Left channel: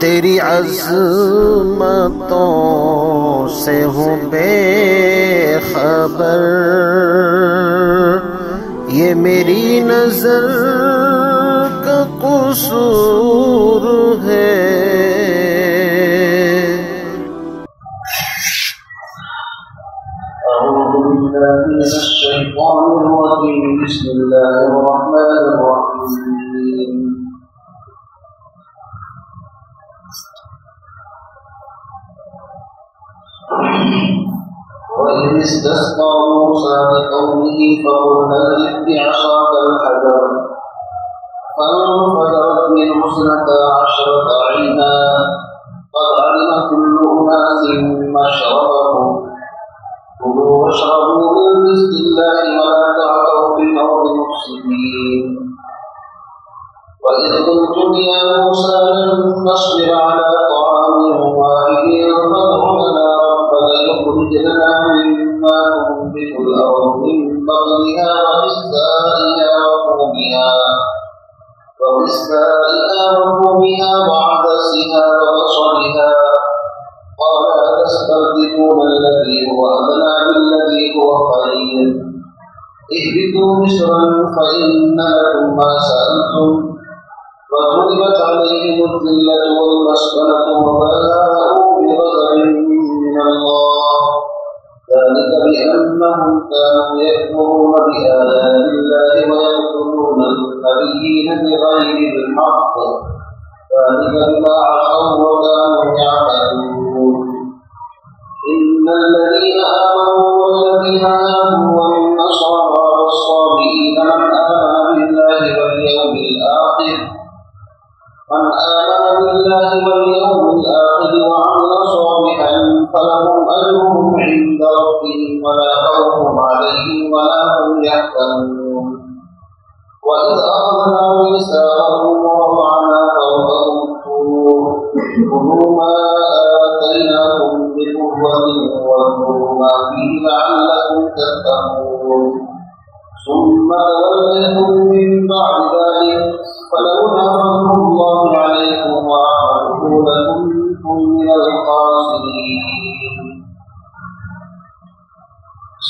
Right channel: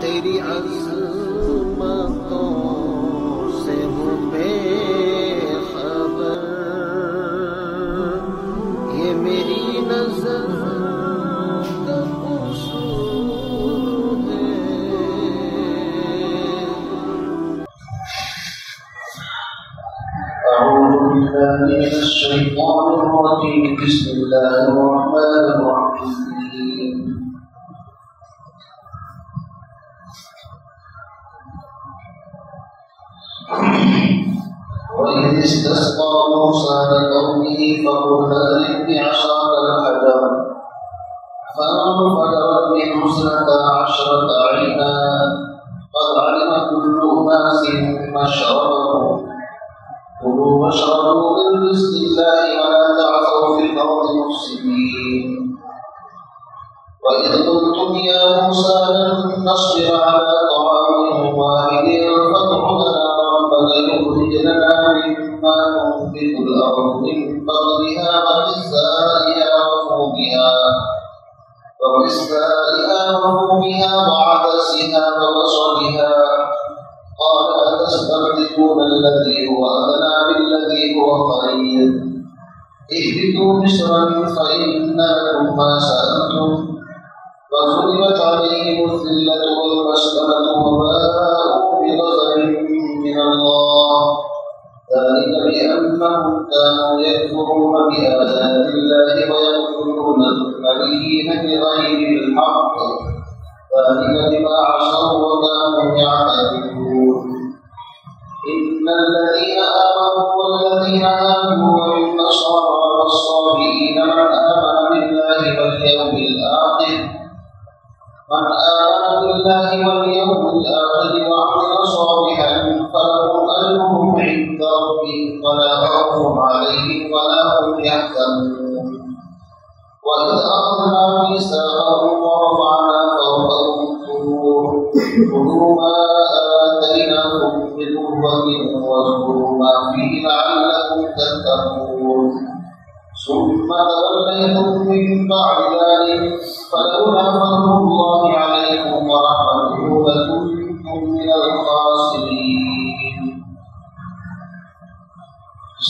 تیری عظمتوں سے ہوں بے خبر، یہ میری نظر کا قصور ہے۔ اعوذ باللہ من الشیطان الرجیم، بسم اللہ الرحمن الرحیم۔ وَإِذِ اسْتَسْقَىٰ مُوسَىٰ لِقَوْمِهِ فَقُلْنَا اضْرِب بِّعَصَاكَ الْحَجَرَ فَانفَجَرَتْ مِنْهُ اثْنَتَا عَشْرَةَ عَيْنًا قَدْ عَلِمَ كُلُّ أُنَاسٍ مَّشْرَبَهُمْ كُلُوا وَاشْرَبُوا مِن رِّزْقِ اللَّهِ وَلَا تَعْثَوْا فِي الْأَرْضِ مُفْسِدِينَ وَإِذْ قُلْتُمْ يَا مُوسَىٰ لَن نَّصْبِرَ عَلَىٰ طَعَامٍ وَاحِدٍ فَادْعُ لَنَا رَبَّكَ يُخْرِجْ لَنَا مِمَّا تُنبِتُ الْأَرْضُ مِن بَقْلِهَا وَقِثَّائِهَا وَفُومِهَا وَعَدَسِهَا وَبَصَلِهَا قَالَ أَتَسْتَبْدِلُونَ الَّذِي هُوَ أَدْنَىٰ بِالَّذِي هُوَ خَيْرٌ اهْبِطُوا مِصْرًا فَإِنَّ لَكُم مَّا سَأَلْتُمْ وَضُرِبَتْ عَلَيْهِمُ الذِّلَّةُ وَالْمَسْكَنَةُ وَبَاءُوا بِغَضَبٍ مِّنَ اللَّهِ ذَلِكَ بِأَنَّهُمْ كَانُوا يَكْفُرُونَ بِآيَاتِ اللَّهِ وَيَقْتُلُونَ النَّبِيِّينَ بِغَيْرِ الْحَقِّ ذَلِكَ بِمَا عَصَوا وَكَانُوا يَعْتَدُونَ إِنَّ الَّذِينَ آمَنُوا وَالَّذِينَ هَادُوا وَالنَّصَارَىٰ وَالصَّابِئِينَ مَنْ آمَنَ بِاللَّهِ وَالْيَوْمِ الْآخِرِ وَعَمِلَ صَالِحًا فَلَهُمْ أَجْرُهُمْ عِندَ رَبِّهِمْ وَلَا خَوْفٌ عَلَيْهِمْ وَلَا هُمْ يَحْزَنُونَ وَإِذْ أَخَذْنَا مِيثَاقَكُمْ وَرَفَعْنَا فَوْقَكُمُ الطُّورَ خُذُوا مَا آتَيْنَاكُم بِقُوَّةٍ وَاذْكُرُوا مَا فِيهِ لَعَلَّكُمْ تَتَّقُونَ ثُمَّ تَوَلَّيْتُم مِّن بَعْدِ ذَلِكَ فَلَوْلَا فَضْلُ اللَّهِ عَلَيْكُمْ وَرَحْمَتُهُ لَكُنتُم مِّنَ الْخَاسِرِينَ۔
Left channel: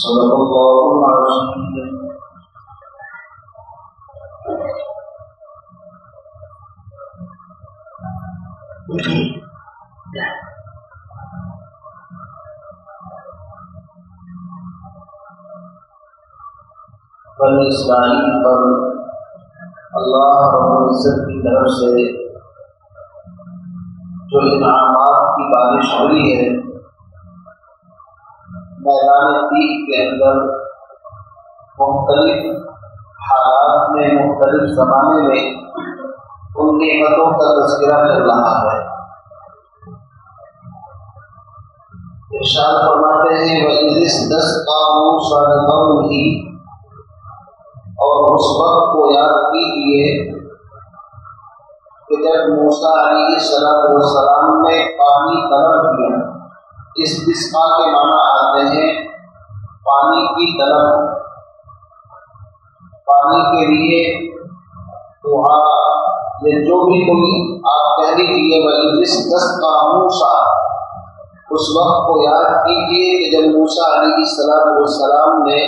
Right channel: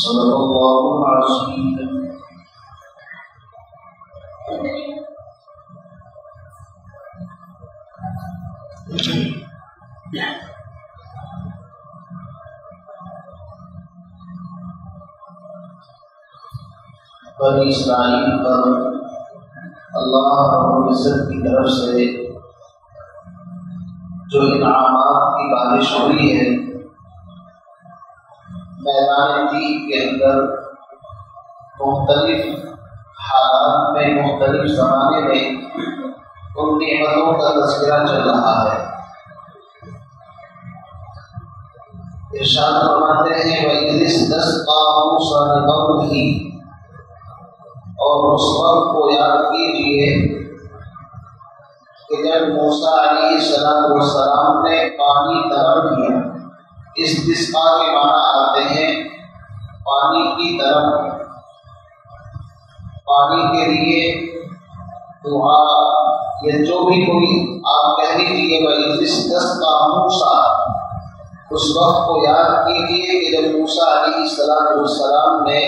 صدق اللہ العظیم۔ بنی اسرائیل پر اللہ رب العزت کی طرف سے جو انعامات کی بارش ہوئی ہے، میدان تیہ کے اندر مختلف حالات میں مختلف زمانے میں ان نعمتوں کا تذکرہ چل رہا ہے۔ ارشاد فرماتے ہیں وَإِذِ اسْتَسْقَىٰ مُوسَىٰ لِقَوْمِهِ، اور اس وقت کو یاد کیجیے کہ جب موسیٰ علیہ السلام نے پانی طلب کیا۔ استسقاء کے معنی آتے ہیں پانی کی طلب، پانی کے لیے دعا، یا جو بھی کوئی آپ کہہ لیجیے وَإِذِ اسْتَسْقَىٰ مُوسَىٰ، اس وقت کو یاد کیجیے کہ جب موسیٰ علیہ السلام نے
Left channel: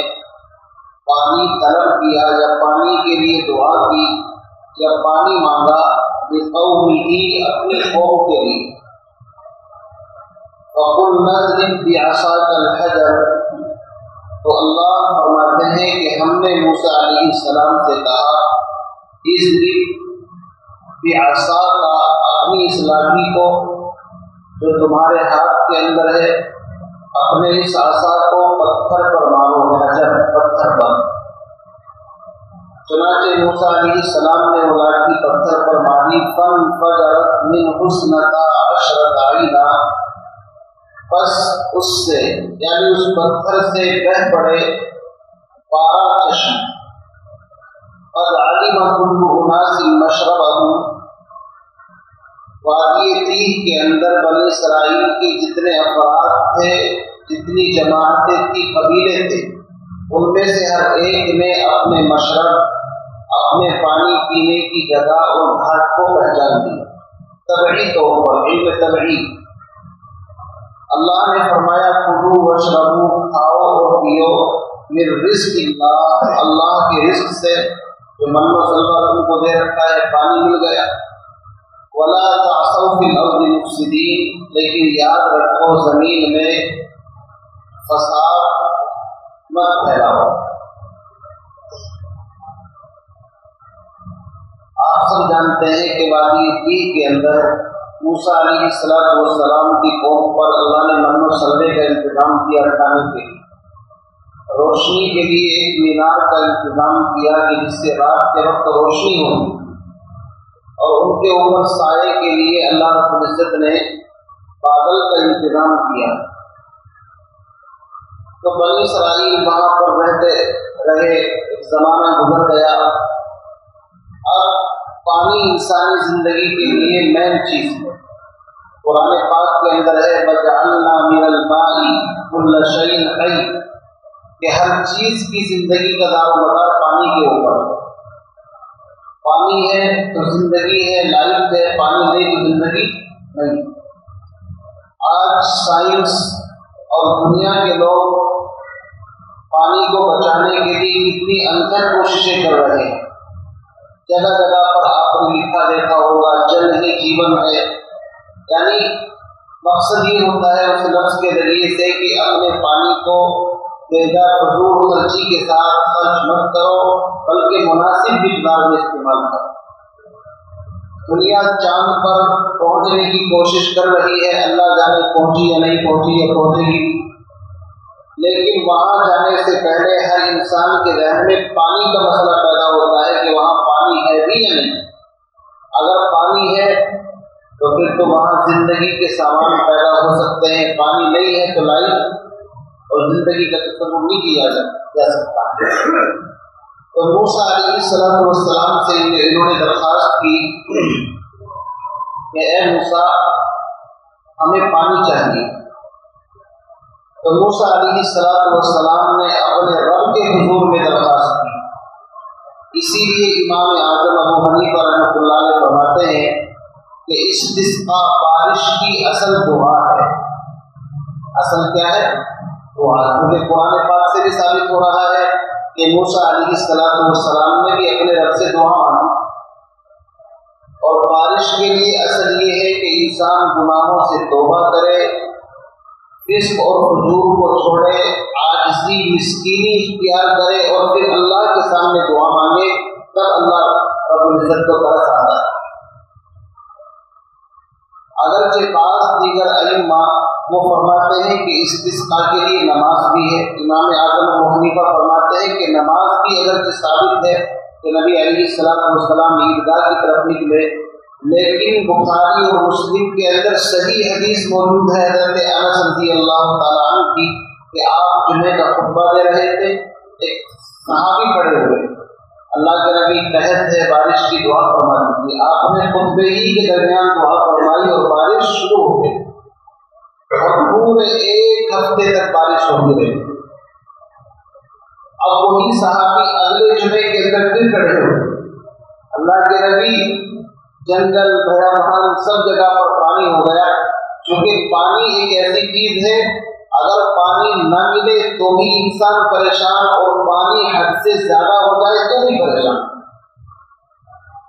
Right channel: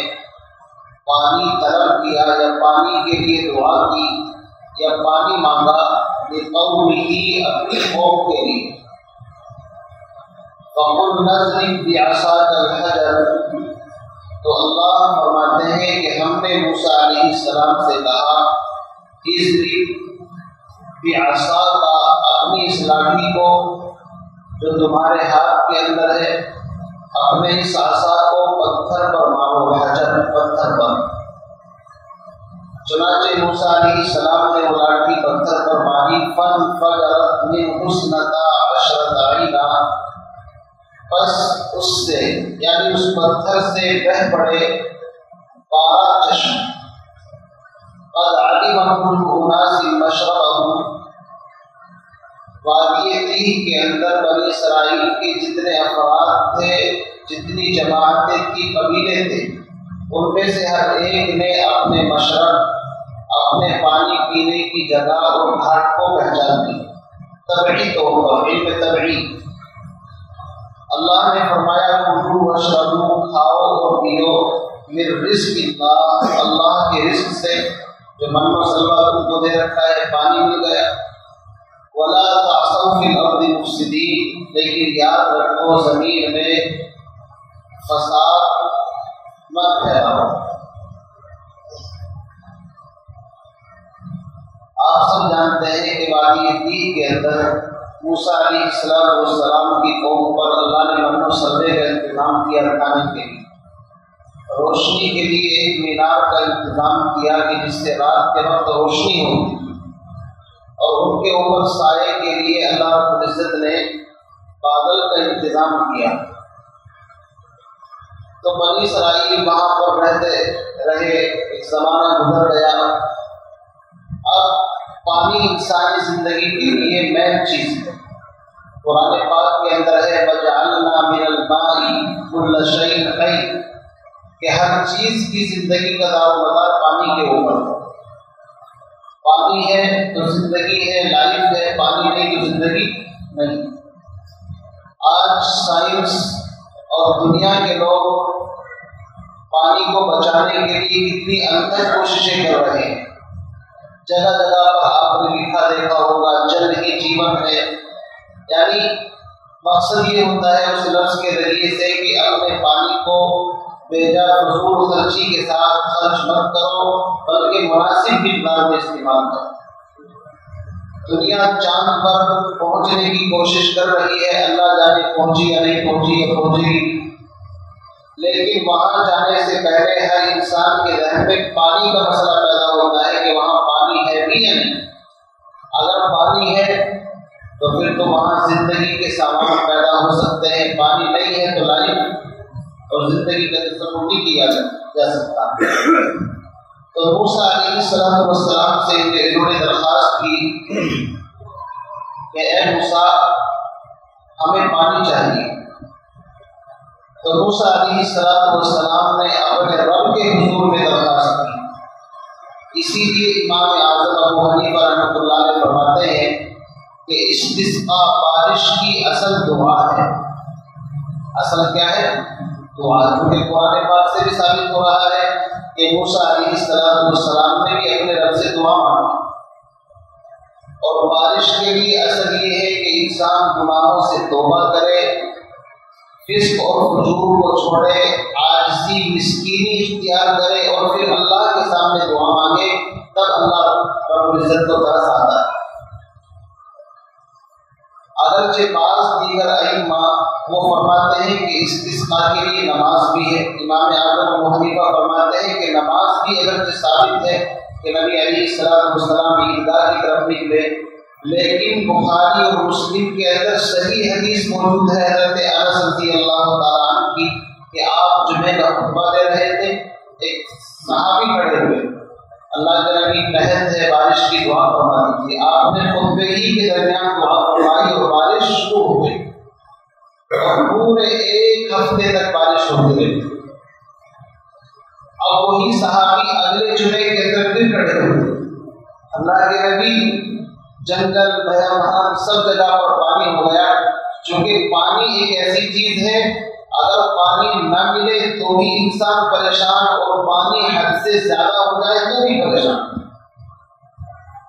پانی طلب کیا یا پانی کے لیے دعا کی یا پانی مانگا لِقَوْمِهِ، اپنی قوم کے لیے۔ فَقُلْنَا اضْرِب بِّعَصَاكَ الْحَجَرَ، تو اللہ فرماتے ہیں کہ ہم نے موسیٰ علیہ السلام سے کہا اضرب بعصاک، اپنی اس لاٹھی کو جو تمہارے ہاتھ کے اندر ہے، اپنے اس عصا کو پتھر پر مارو، حجر پتھر پر۔ چنانچہ موسیٰ علیہ السلام نے وہ لاٹھی پتھر پر ماری، فانفجرت منہ اثنتا عشرۃ عینا، بس اس سے یعنی اس پتھر سے بہہ پڑے 12 چشم۔ قد علم كل اناس مشربهم، وادی تیہ کے اندر بنی اسرائیل کے جتنے افراد تھے، جتنی جماعتیں تھی، قبیلے تھے، ان میں سے ہر ایک نے اپنے مشرب، اپنے پانی پینے کی جگہ اور گھاٹ کو پہچان دیا۔ طبعی طور پر، علم طبعی۔ اللہ نے فرمایا کلوا واشربوا، کھاؤ اور پیو، من رزق اللہ، اللہ کے رزق سے جو من و سلوہ تم کو دے رکھا ہے، پانی مل گیا۔ ولا تعثوا فی الارض مفسدین، لیکن یاد رکھو زمین میں فساد مت پھیلاؤ۔ آپ سب جانتے ہیں کہ وادی طور کے اندر موسیٰ علیہ السلام کی قوم پر اللہ نے من و سلوے کا انتظام کیا کھانے کے لیے، روشنی کے لیے ایک مینار کا انتظام کیا کہ جس سے رات کے وقت روشنی ہوتی، اور ان کے اوپر سائے کے لیے اللہ رب العزت نے بادل کا انتظام کیا۔ تو بنی اسرائیل وہاں پر رہتے رہے، ایک زمانہ گزر گیا۔ اب پانی انسانی زندگی کے لیے مین چیز ہے۔ قرآن پاک کے اندر ہے وَجَعَلْنَا مِنَ الْمَاءِ كُلَّ شَيْءٍ حَيٍّ، کہ ہر چیز کی زندگی کا دار و مدار پانی کے اوپر۔ پانی ہے تو زندگی ہے، لائف ہے، پانی نہیں تو زندگی نہیں۔ آج سائنس اور دنیا کے لوگ پانی کو بچانے کے لیے کتنی انتھک کوششیں کر رہے ہیں۔ جگہ جگہ پر آپ نے لکھا دیکھا ہوگا جل ہی جیون ہے، یعنی مقصد یہ ہوتا ہے اس لفظ کے ذریعے سے کہ اپنے پانی کو بیجا فضول خرچی کے ساتھ خرچ مت کرو، بلکہ مناسب مقدار میں استعمال کرو۔ دنیا چاند پر پہنچنے کی کوشش کر رہی ہے، اللہ جانے پہنچی یا نہیں پہنچی یا پہنچے گی، لیکن وہاں جانے سے پہلے ہر انسان کے ذہن میں پانی کا مسئلہ پیدا ہوتا ہے کہ وہاں پانی ہے بھی یا نہیں۔ اگر پانی ہے تو پھر تو وہاں زندگی کے سامان پیدا ہو سکتے ہیں، پانی نہیں ہے تو لائف اور زندگی کا تصور نہیں کیا جا سکتا۔ تو موسیٰ علیہ السلام سے انہوں نے درخواست کی کہ اے موسیٰ ہمیں پانی چاہیے۔ تو موسیٰ علیہ السلام نے اپنے رب کے حضور میں درخواست کی۔ اسی لیے امام اعظم ابو حنیفہ رحمۃ اللہ علیہ فرماتے ہیں کہ استسقاء بارش کی اصل دعا ہے۔ اصل کیا ہے؟ دعا، کیونکہ قرآن پاک سے بھی ثابت ہو رہا ہے کہ موسیٰ علیہ السلام نے بھی اپنے رب سے دعا مانگی۔ اور بارش کے لیے اصل یہ ہے کہ انسان گناہوں سے توبہ کرے، فسق اور فجور کو چھوڑے، عاجزی مسکینی اختیار کرے اور پھر اللہ کے سامنے دعا مانگے، تب اللہ رب العزت کو ترس آتا ہے۔ اگرچہ بعض دیگر ائمہ وہ فرماتے ہیں کہ استسقاء کے لیے نماز بھی ہے۔ امام اعظم ابو حنیفہ فرماتے ہیں کہ نماز بھی اگرچہ ثابت ہے کہ نبی علیہ السلام عیدگاہ کی طرف نکلے، لیکن بخاری اور مسلم کے اندر صحیح حدیث موجود ہے حضرت انس رضی اللہ تعالیٰ عنہ کی کہ آپ جمعے کا خطبہ دے رہے تھے، ایک صحابی کھڑے ہوئے، اللہ کے نبی قحط ہے بارش کی دعا فرما دیجیے۔ آپ نے خطبے ہی کے درمیان دعا فرمائی اور بارش شروع ہو گئی، اور پورے ایک ہفتے تک بارش ہوتی رہی۔ اب وہی صحابی اگلے جمعے کے اندر پھر کھڑے ہوئے، اللہ کے نبی جنگل بیابان سب جگہ پر پانی ہو گیا، چونکہ پانی ایک ایسی چیز ہے اگر پانی نہ ملے تو بھی انسان پریشان، اور پانی حد سے زیادہ ہو جائے تو بھی پریشان۔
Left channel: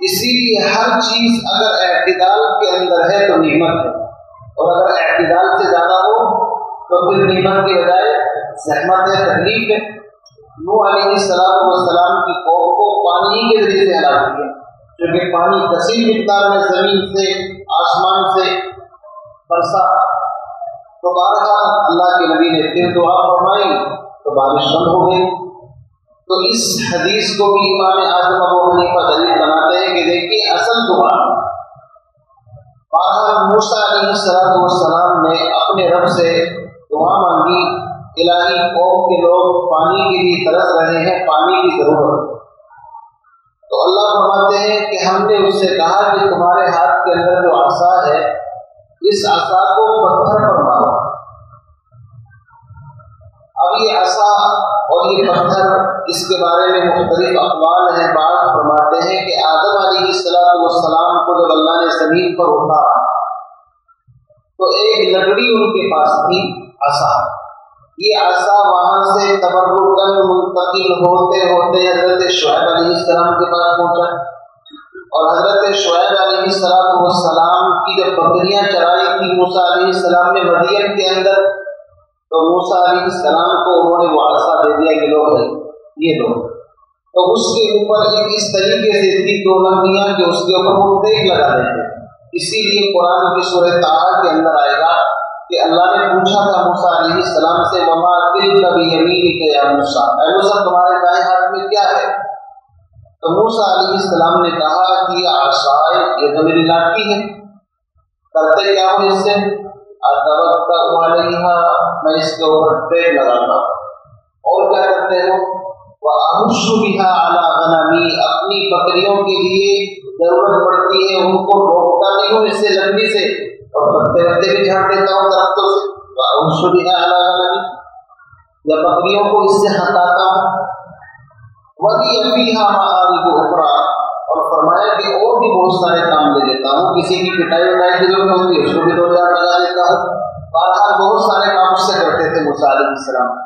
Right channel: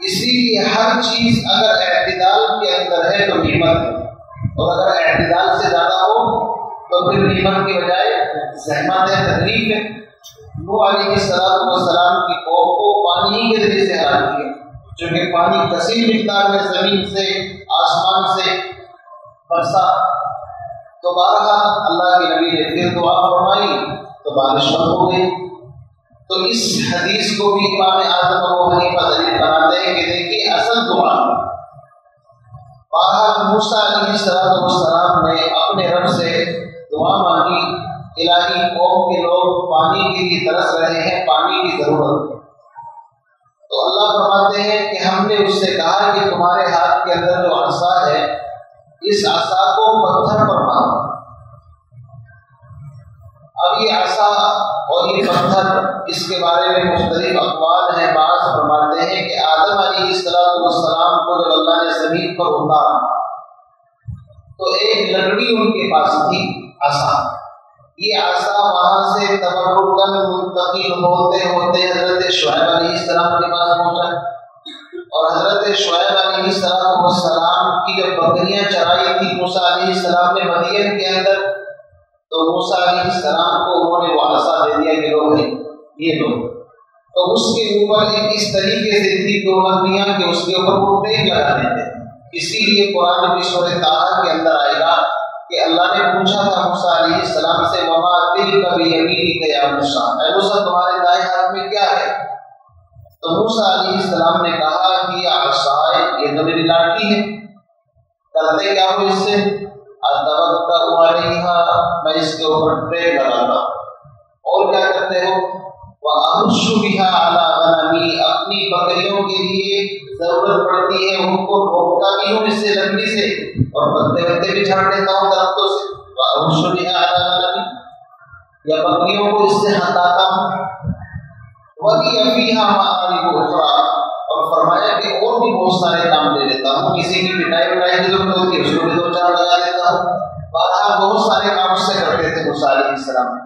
اسی لیے ہر چیز اگر اعتدال کے اندر ہے تو نعمت ہے، اور اگر اعتدال سے زیادہ ہو تو پھر نعمت کے بجائے زحمت ہے، تکلیف ہے۔ نوح علیہ السلام کی قوم کو پانی ہی کے ذریعے سے ہلاک کیا، چونکہ پانی کثیر مقدار میں زمین سے آسمان سے برسا۔ تو بہرحال اللہ کے نبی نے پھر دعا فرمائی تو بارش بند ہو گئی۔ تو اس حدیث کو بھی امام اعظم ابو حنیفہ دلیل بناتے ہیں کہ دیکھیے اصل دعا، بہرحال موسیٰ علیہ السلام نے اپنے رب سے دعا مانگی، الہی قوم کے لوگ پانی کے لیے ترس رہے ہیں، پانی کی ضرورت ہے۔ تو اللہ فرماتے ہیں کہ ہم نے اس سے کہا کہ تمہارے ہاتھ کے اندر جو عصا ہے اس عصا کو پتھر پر مارو۔ اب یہ عصا اور یہ پتھر، اس کے بارے میں مختلف اقوال ہیں۔ بعض فرماتے ہیں کہ آدم علیہ السلام کو جب اللہ نے زمین پر اتارا تو ایک لکڑی ان کے پاس تھی، عصا۔ یہ عصا وہاں سے تبرکاً منتقل ہوتے ہوتے حضرت شعیب علیہ السلام کے پاس پہنچا، اور حضرت شعیب علیہ السلام کی جب بکریاں چرائی تھی موسیٰ علیہ السلام نے مدین کے اندر، تو موسیٰ علیہ السلام کو انہوں نے وہ عصا دے دیا کہ لو بھائی یہ لو، تو اس کے اوپر ایک اس طریقے سے تھی دو لکڑیاں کہ اس کے اوپر وہ ٹیک لگا دیتے۔ اسی لیے قرآن کی سورہ طٰہٰ کے اندر آئے گا کہ اللہ نے پوچھا تھا موسیٰ علیہ السلام سے وما تلک بیمینک یا موسیٰ، اے موسیٰ تمہارے دائیں ہاتھ میں کیا ہے؟ تو موسیٰ علیہ السلام نے کہا کہ یہ عصائے، یہ تو میری لاٹھی ہے، کرتے کیا ہو اس سے؟ اتوکا علیہا، میں اس کے اوپر ٹیک لگاتا ہوں۔ اور کیا کرتے ہو؟ وَأَحُشُّ بِهَا عَلَىٰ غَنَمِي، اپنی بکریوں کے لیے ضرورت پڑتی ہے ان کو روکتا بھی ہوں اس سے لکڑی سے، اور پتے وتے بھی جھاڑ دیتا ہوں درختوں سے۔ وَأَحُشُّ بِهَا عَلَىٰ غَنَمِي، یا بکریوں کو اس سے ہٹاتا ہوں۔ وَلِيَ فِيهَا مَآرِبُ أُخْرَىٰ، اور فرمایا کہ اور بھی بہت سارے کام لے لیتا ہوں، کسی کی پٹائی وٹائی کی ضرورت ہوتی ہے اس کو بھی دو چار لگا دیتا ہوں۔ بہرحال بہت سارے کام اس سے کرتے تھے موسیٰ علیہ السلام۔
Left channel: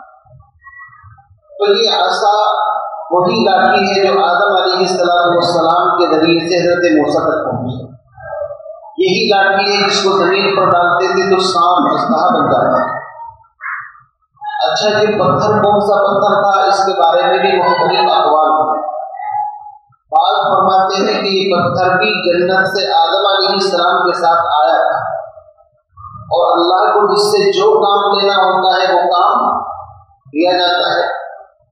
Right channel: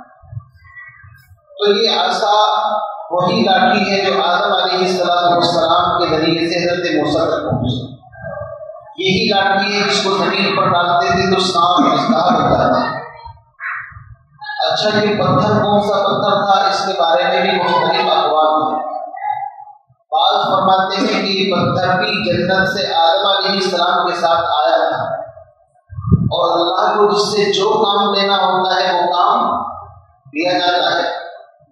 تو یہ عصا وہی لاٹھی ہے جو آدم علیہ السلام کے ذریعے سے حضرت موسیٰ تک پہنچی، یہی لاٹھی ہے جس کو زمین پر ڈالتے تھے تو سانپ اژدہا بن جاتا ہے۔ اچھا یہ پتھر کون سا پتھر تھا، اس کے بارے میں بھی مختلف اقوال ہیں۔ بعض فرماتے ہیں کہ یہ پتھر بھی جنت سے آدم علیہ السلام کے ساتھ آیا تھا، اور اللہ کو جس سے جو کام لینا ہوتا ہے وہ کام دیا جاتا ہے،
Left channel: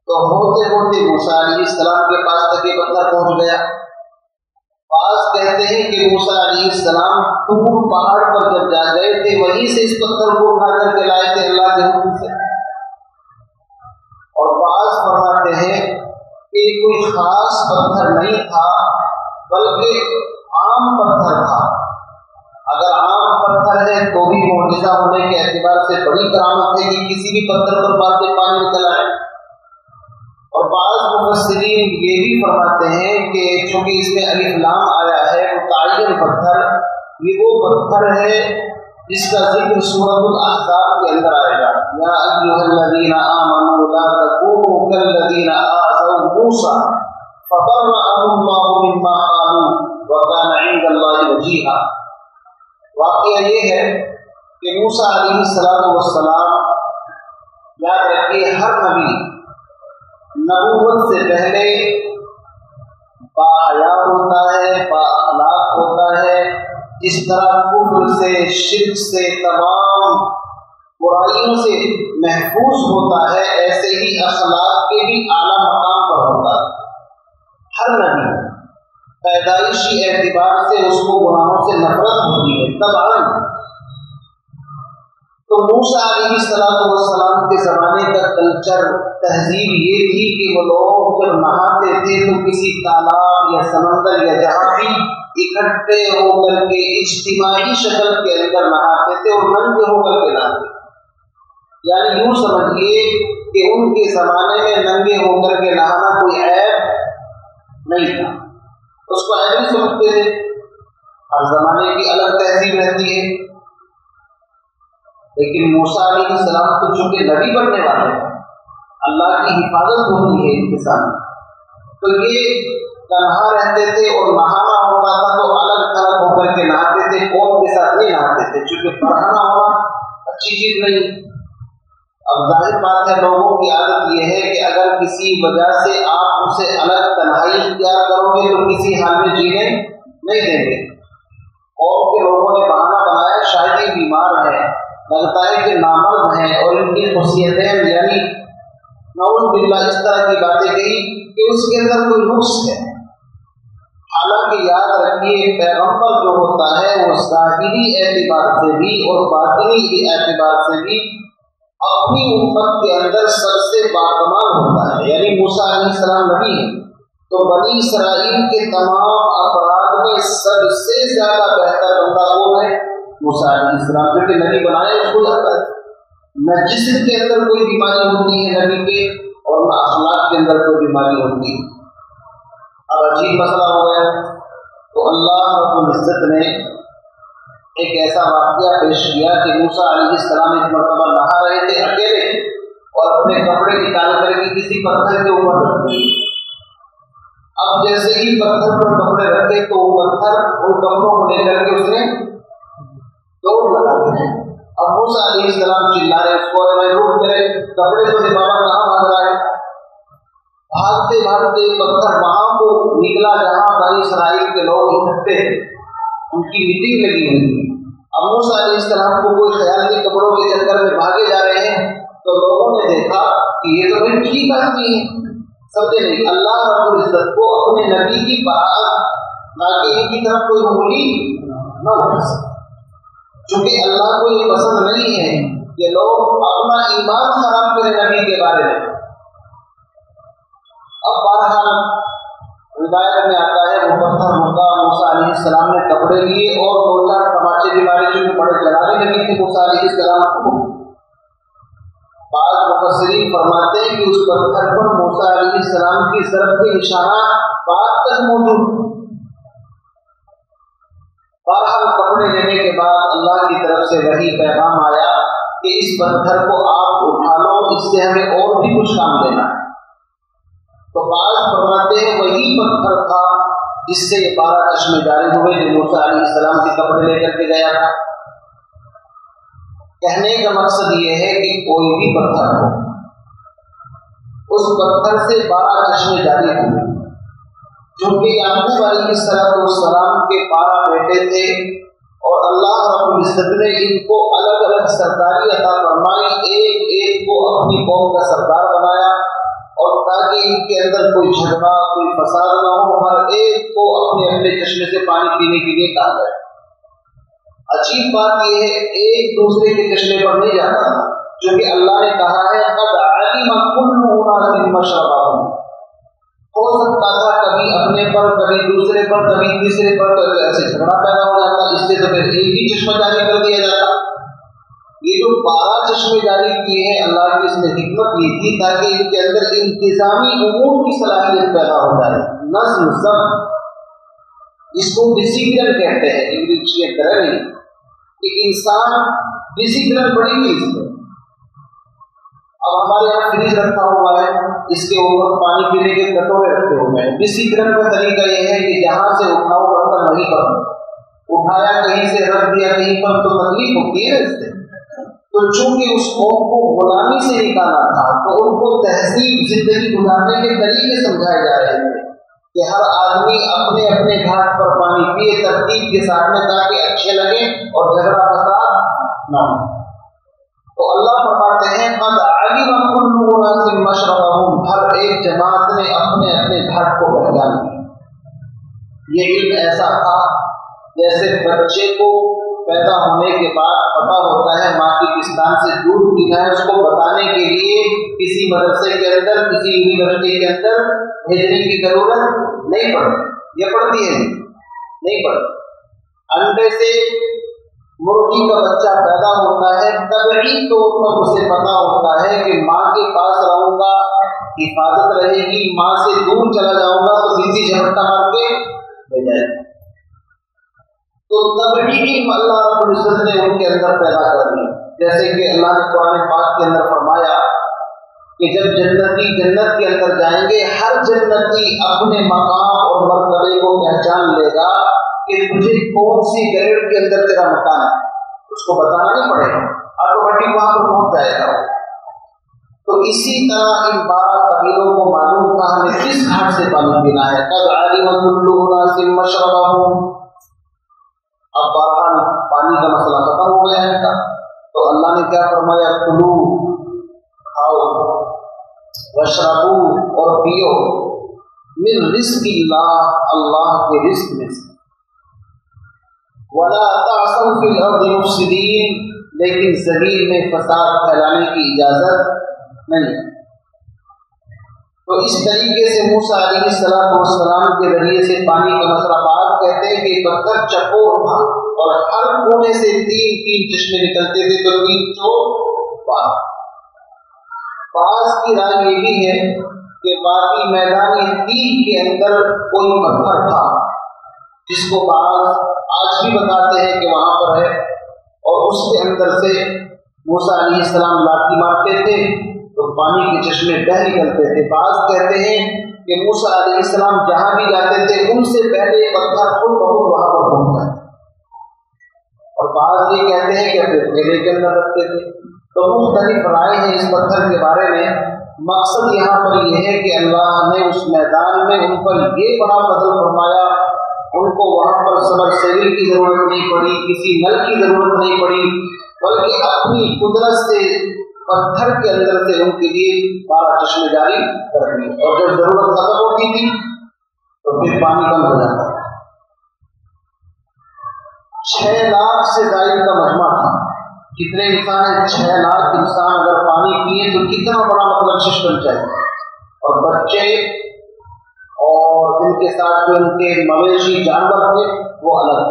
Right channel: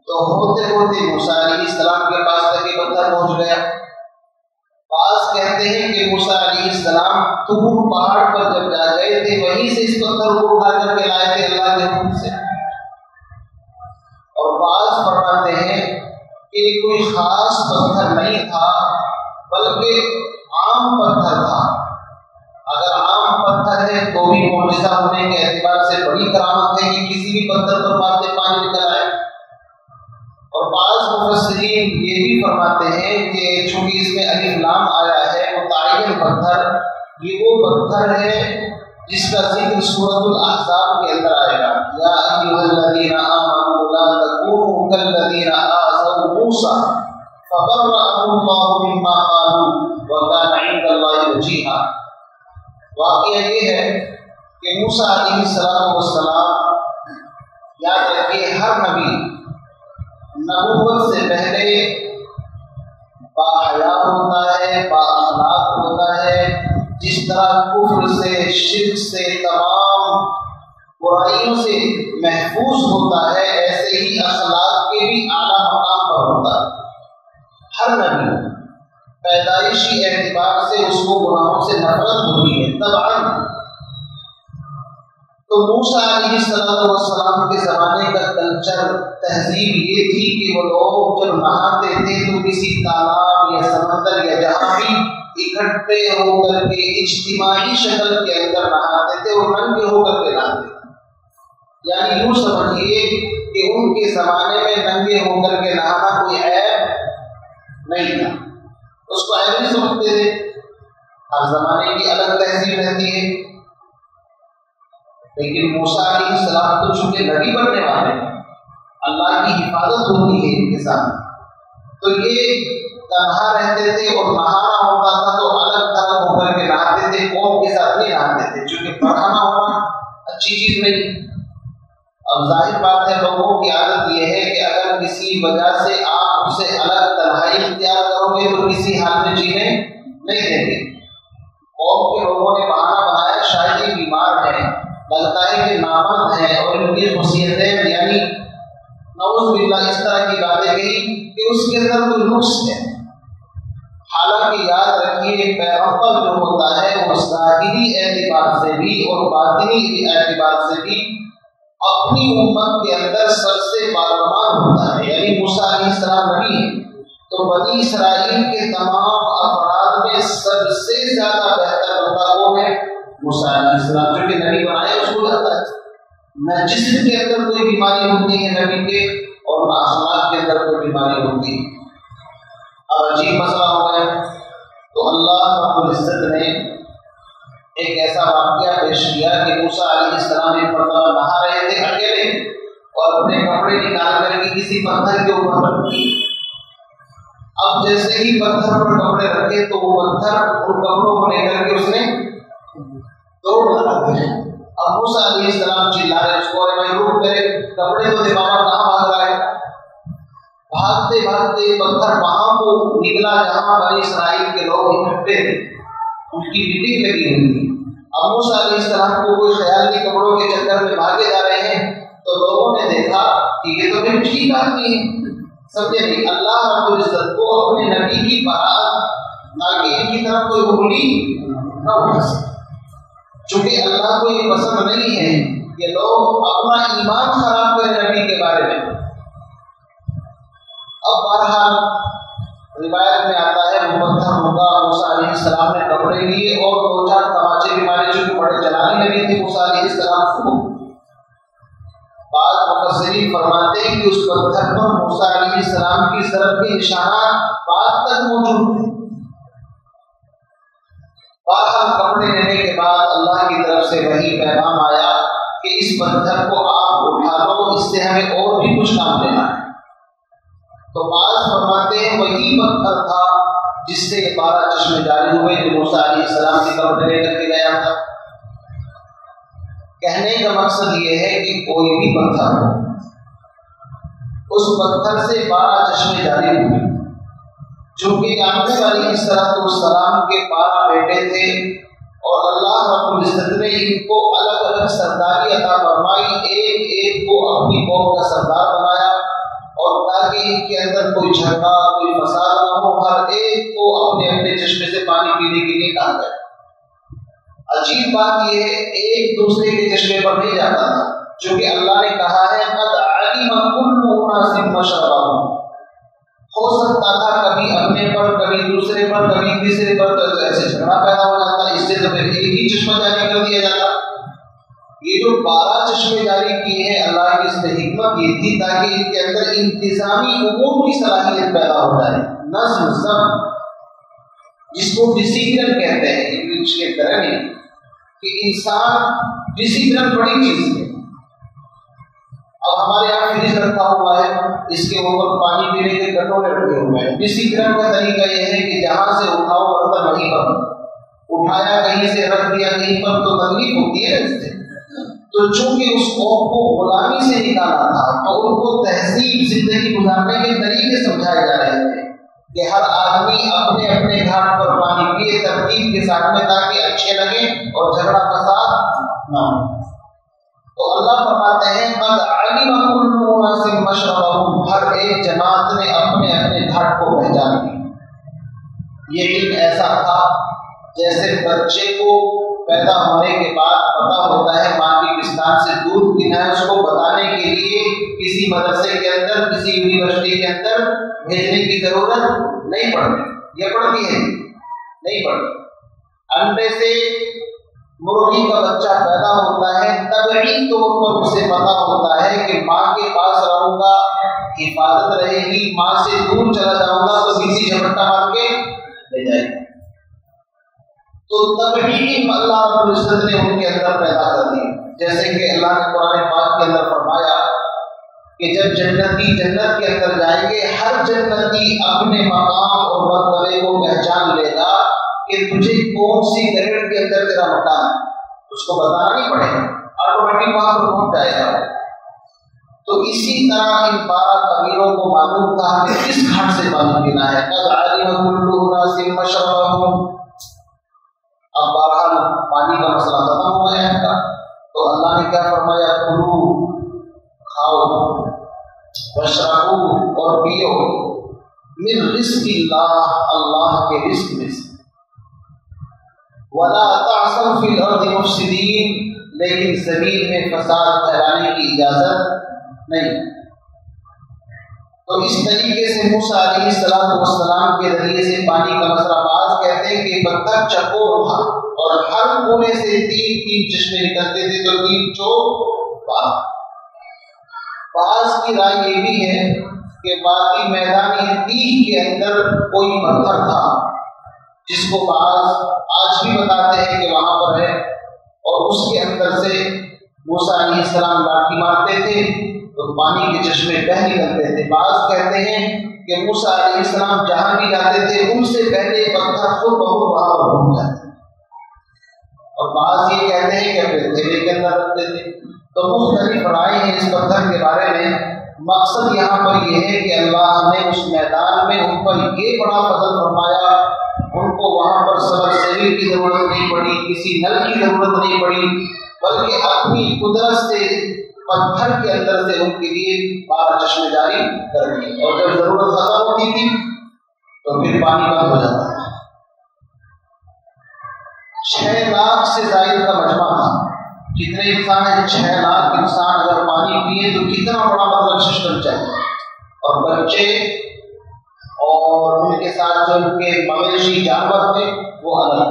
تو ہوتے ہوتے موسیٰ علیہ السلام کے پاس تک یہ پتھر پہنچ گیا۔ بعض کہتے ہیں کہ موسیٰ علیہ السلام طور پہاڑ پر جب جا گئے تھے وہیں سے اس پتھر کو اٹھا کر کے لائے تھے اللہ کے حکم سے، اور بعض فرماتے ہیں کہ کوئی خاص پتھر نہیں تھا بلکہ عام پتھر تھا۔ اگر عام پتھر ہے تو بھی معجزہ ہونے کے اعتبار سے بڑی کرامت ہے کہ کسی بھی پتھر پر باتیں پانی نکل آئے۔ اور بعض مفسرین یہ بھی فرماتے ہیں کہ چونکہ اس میں الف لام آیا ہے متعین پتھر، یہ وہ پتھر ہے جس کا ذکر سورۃ الاحزاب کے اندر آئے گا، یا ایھا الذین آمنوا لا تکونوا کالذین آذوا موسیٰ فبرأہ اللہ مما قالوا وکان عند اللہ وجیہا۔ واقعہ یہ ہے کہ موسیٰ علیہ السلام، یاد رکھیے ہر نبی نبوت سے پہلے باحیا ہوتا ہے، با اخلاق ہوتا ہے، جس طرح کفر سے، شرک سے، تمام برائیوں سے محفوظ ہوتا ہے، ایسے ہی اخلاق کے بھی اعلیٰ مقام پر ہوتا ہے۔ ہر نبی پیدائشی اعتبار سے اس کو گناہوں سے نفرت ہوتی ہے طبعاً۔ تو موسیٰ علیہ السلام کے زمانے کا کلچر، تہذیب یہ تھی کہ وہ لوگ جب نہاتے تھے تو کسی تالاب یا سمندر یا جہاں بھی اکٹھے ہو کر کے اجتماعی شکل کے اندر نہاتے تھے اور ننگے ہو کر کے نہاتے تھے۔ یعنی یوں سمجھیے کہ ان کے زمانے میں ننگے ہو کر کے نہانا کوئی عیب نہیں تھا، اس کو عیب نہیں سمجھتے تھے۔ ہر زمانے کی الگ تہذیب رہتی ہے، لیکن موسیٰ علیہ السلام تو چونکہ نبی بننے والے ہیں، اللہ کی حفاظت ہوتی ہے ان کے ساتھ، تو یہ تنہا رہتے تھے اور نہانا ہوتا تھا تو الگ تھلگ ہو کر کے نہاتے تھے، قوم کے ساتھ نہیں نہاتے تھے، چونکہ پڑھانا ہونا اچھی چیز نہیں۔ اب ظاہر بات ہے لوگوں کی عادت یہ ہے کہ اگر کسی وجہ سے آپ اسے الگ تنہائی اختیار کرو گے تو کسی حال میں جینے نہیں دیں گے۔ قوم کے لوگوں نے بہانہ بنایا شاید یہ بیمار ہے، لگتا ہے کہ نامرد ہیں، اور ان کی خصوصیتیں یعنی نعوذ باللہ اس طرح کی باتیں کہی کہ اس کے اندر کوئی نقص ہے۔ حالانکہ یاد رکھیے پیغمبر جو ہوتا ہے وہ ظاہری اعتبار سے بھی اور باطنی اعتبار سے بھی اپنی امت کے اندر سب سے باکمال ہوتا ہے۔ یعنی موسیٰ علیہ السلام نبی ہے تو بنی اسرائیل کے تمام افراد میں سب سے زیادہ بہتر بندہ کون ہے؟ موسیٰ علیہ السلام، جو کہ نبی بنایا اس کو جاتا ہے۔ نہ جسم کے اندر کوئی بیماری ہوتی ہے نبی کے، اور نہ اخلاق کے اندر کوئی بیماری ہوتی ہے۔ اب عجیب مسئلہ ہو گیا، تو اللہ رب العزت نے ایک ایسا واقعہ پیش کیا کہ موسیٰ علیہ السلام ایک مرتبہ نہا رہے تھے اکیلے اور اپنے کپڑے نکال کر کے کسی پتھر کے اوپر رکھ دیے۔ اب جیسے ہی پتھر پر کپڑے رکھے تو وہ پتھر ان کپڑوں کو لے کر کے اس نے توڑ لگا دیا۔ اب موسیٰ علیہ السلام چلا رہے اس کو، ارے بھائی رک کرے، کپڑے تو دماغ کہاں بھاگ رہا ہے۔ بھاگتے بھاگتے پتھر وہاں کو نکلا جہاں بنی اسرائیل کے لوگ اکٹھے تھے، ان کی میٹنگ لگی ہوئی تھی۔ اب موسیٰ علیہ السلام کو کوئی خیال نہیں، کپڑوں کے چکر میں بھاگے جا رہے ہیں، تو لوگوں نے دیکھا کہ یہ تو پھر ٹھیک آدمی ہے، سمجھے نہیں۔ اللہ رب العزت کو اپنے نبی کی برات تاکہ ان کی طرف کوئی انگلی نہ اٹھا سکے، چونکہ اللہ کو یہ پسند نہیں ہے کہ لوگ اپنا ایمان خراب کریں نبی کے بارے میں۔ اب بہرحال روایت میں آتا ہے وہ پتھر ہوگا، موسیٰ علیہ السلام نے کپڑے لیے اور دو چار تماچے بھی مارے، چونکہ بڑے جلالی نبی تھے موسیٰ علیہ السلام کو۔ بعض مفسرین فرماتے ہیں کہ اس پتھر پر موسیٰ علیہ السلام کی ضرب کے نشانات بعد تک موجود تھے۔ بہرحال کپڑے لینے کے بعد اللہ کی طرف سے وہی پیغام آیا کہ اس پتھر کو آپ اٹھا لو، اس سے ہمیں اور بھی کچھ کام لینا ہے۔ تو بعض فرماتے ہیں وہی پتھر تھا جس سے یہ 12 چشمے جاری ہوئے جو موسیٰ علیہ السلام کے کپڑے لے کر کے گیا تھا۔ کہنے کا مقصد یہ ہے کہ کوئی بھی پتھر ہو، اس پتھر سے 12 چشمے جاری ہوئے، چونکہ یعقوب علیہ السلام کے 12 بیٹے تھے اور اللہ رب العزت نے ان کو الگ الگ سرداری عطا فرمائی، ایک ایک کو اپنی قوم کا سردار بنایا، اور تاکہ ان کے اندر کوئی جھگڑا کوئی فساد نہ ہو، ہر ایک کو اپنے اپنے چشمے سے پانی پینے کے لیے کہا گیا۔ عجیب بات یہ ہے ایک دوسرے کے چشمے پر نہیں جاتا تھا، چونکہ اللہ نے کہا ہے قد علم كل اناس مشربهم۔ ہو سکتا تھا کبھی اپنے پر، کبھی دوسرے پر، کبھی تیسرے پر، تو ایسے جھگڑا پیدا ہو جاتا، اس سے تو پھر ایک ہی چشمہ جاری کر دیا جاتا۔ یہ جو 12 چشمے جاری کیے ہیں اللہ کی اس میں حکمت یہ تھی تاکہ ان کے اندر انتظامی امور کی صلاحیت پیدا ہو جائے، نظم ضبط، جس کو ڈسپلن کہتے ہیں انگلش کے طرح نہیں، کہ انسان ڈسپلن بڑی چیز ہے۔ اب ہمارے یہاں فریج رکھا ہوا ہے، اس کے اوپر پانی پینے کے کٹورے رکھے ہوئے ہیں۔ ڈسپلن کا طریقہ یہ ہے کہ جہاں سے اٹھاؤ برتن وہیں پر، اٹھایا کہیں سے رکھ دیا کہیں پر تو تکلیف ہوتی ہے اس سے۔ تو چونکہ اس قوم کو غلامی سے نکالا تھا تو ان کو تہذیب زندگی گزارنے کے طریقے سمجھائے جا رہے تھے کہ ہر آدمی اپنے اپنے گھاٹ پر پانی پیے ترتیب کے ساتھ میں، تاکہ اچھے لگے اور جھگڑا فساد نہ ہو۔ تو اللہ فرماتے ہیں قد علم كل اناس مشربهم، ہر ایک جماعت نے اپنے اپنے گھاٹ کو پہچان لیا۔ یہ علم ایسا تھا جیسے بچے کو پیدا ہونے کے بعد پتا ہوتا ہے ماں کی پستان سے دودھ پینا ہے، اس کو بتانے کے لیے کسی مدرسے کے اندر، کسی یونیورسٹی کے اندر بھیجنے کی ضرورت نہیں پڑتی۔ یہ پڑتی ہے نہیں پڑتی۔ انڈے سے مرغی کا بچہ پیدا ہوتا ہے، طبعی طور پر اسے پتا ہوتا ہے کہ ماں کے پاس رہوں گا حفاظت رہے گی، ماں سے دور چلا جاؤں گا تو کسی جھپٹا مار کے لے جائے گی۔ تو طبعی علم اللہ رب العزت نے ان کے اندر پیدا کر دی، جیسے کہ اللہ نے قرآن پاک کے اندر فرمایا کہ جب جنتی جنت کے اندر جائیں گے، ہر جنتی اپنے مقام اور مرتبے کو پہچان لے گا کہ تجھے کون سی گریڈ کے اندر تیرا مقام ہے، اس کو بتانا نہیں پڑے گا، آٹومیٹک وہاں پر پہنچ جائے گا۔ تو اسی طرح ان 12 قبیلوں کو معلوم تھا ہمیں کس گھاٹ سے پانی پینا ہے۔ قد علم كل اناس مشربهم۔ اب بہرحال پانی کا مسئلہ ختم ہو گیا ہے، تو اللہ نے کیا فرمایا، کلو، کھاؤ، واشربو، اور پیو، من رزق اللہ، اللہ کے رزق میں سے، ولا تعثوا فی الارض مفسدین، لیکن زمین میں فساد پھیلانے کی اجازت نہیں۔ تو اس طریقے سے موسیٰ علیہ السلام کے ذریعے سے پانی کا مسئلہ، بعض کہتے ہیں کہ پتھر چکور تھا اور ہر کونے سے 3 چشمے نکلتے تھے، تو 3 چوک 12۔ بعض کی رائے یہ بھی ہے کہ باقی میدانی 30 کے اندر کوئی پتھر تھا جس کو بعض آج بھی بتاتے ہیں کہ وہاں پر ہے، اور اس کے اندر سے موسیٰ علیہ السلام لاٹھی مارتے تھے تو پانی کے چشمے بہہ نکلتے تھے۔ بعض کہتے ہیں کہ موسیٰ علیہ السلام جہاں بھی جاتے تھے ان سے پہلے پتھر خود بخود وہاں پر گھوم جاتے، اور بعض یہ کہتے ہیں کہ اپنے تھیلے کے اندر رکھتے تھے۔ تو مختلف رائے ہیں اس پتھر کے بارے میں۔ مقصد یہاں پر یہ ہے کہ اللہ نے اس میدان میں ان پر یہ بڑا فضل فرمایا، ان کو وہاں پر سبمرسیبل کی ضرورت نہیں پڑی، کسی نل کی ضرورت نہیں پڑی، بلکہ اپنی قدرت سے پتھر کے اندر سے ان کے لیے 12 چشمے جاری کر دیے، اور جب ضرورت ختم ہوتی تھی تو پھر پانی بند ہو جاتا تھا۔ 6 لاکھ سے زائد کا مجمع تھا۔ کتنے انسان ہیں؟ 6 لاکھ انسان اگر پانی پیئے تو کتنا بڑا مطلب سسٹم چاہیے، اور بچے اور ان کے ساتھ جو ان کے مویشی جانور تھے وہ الگ۔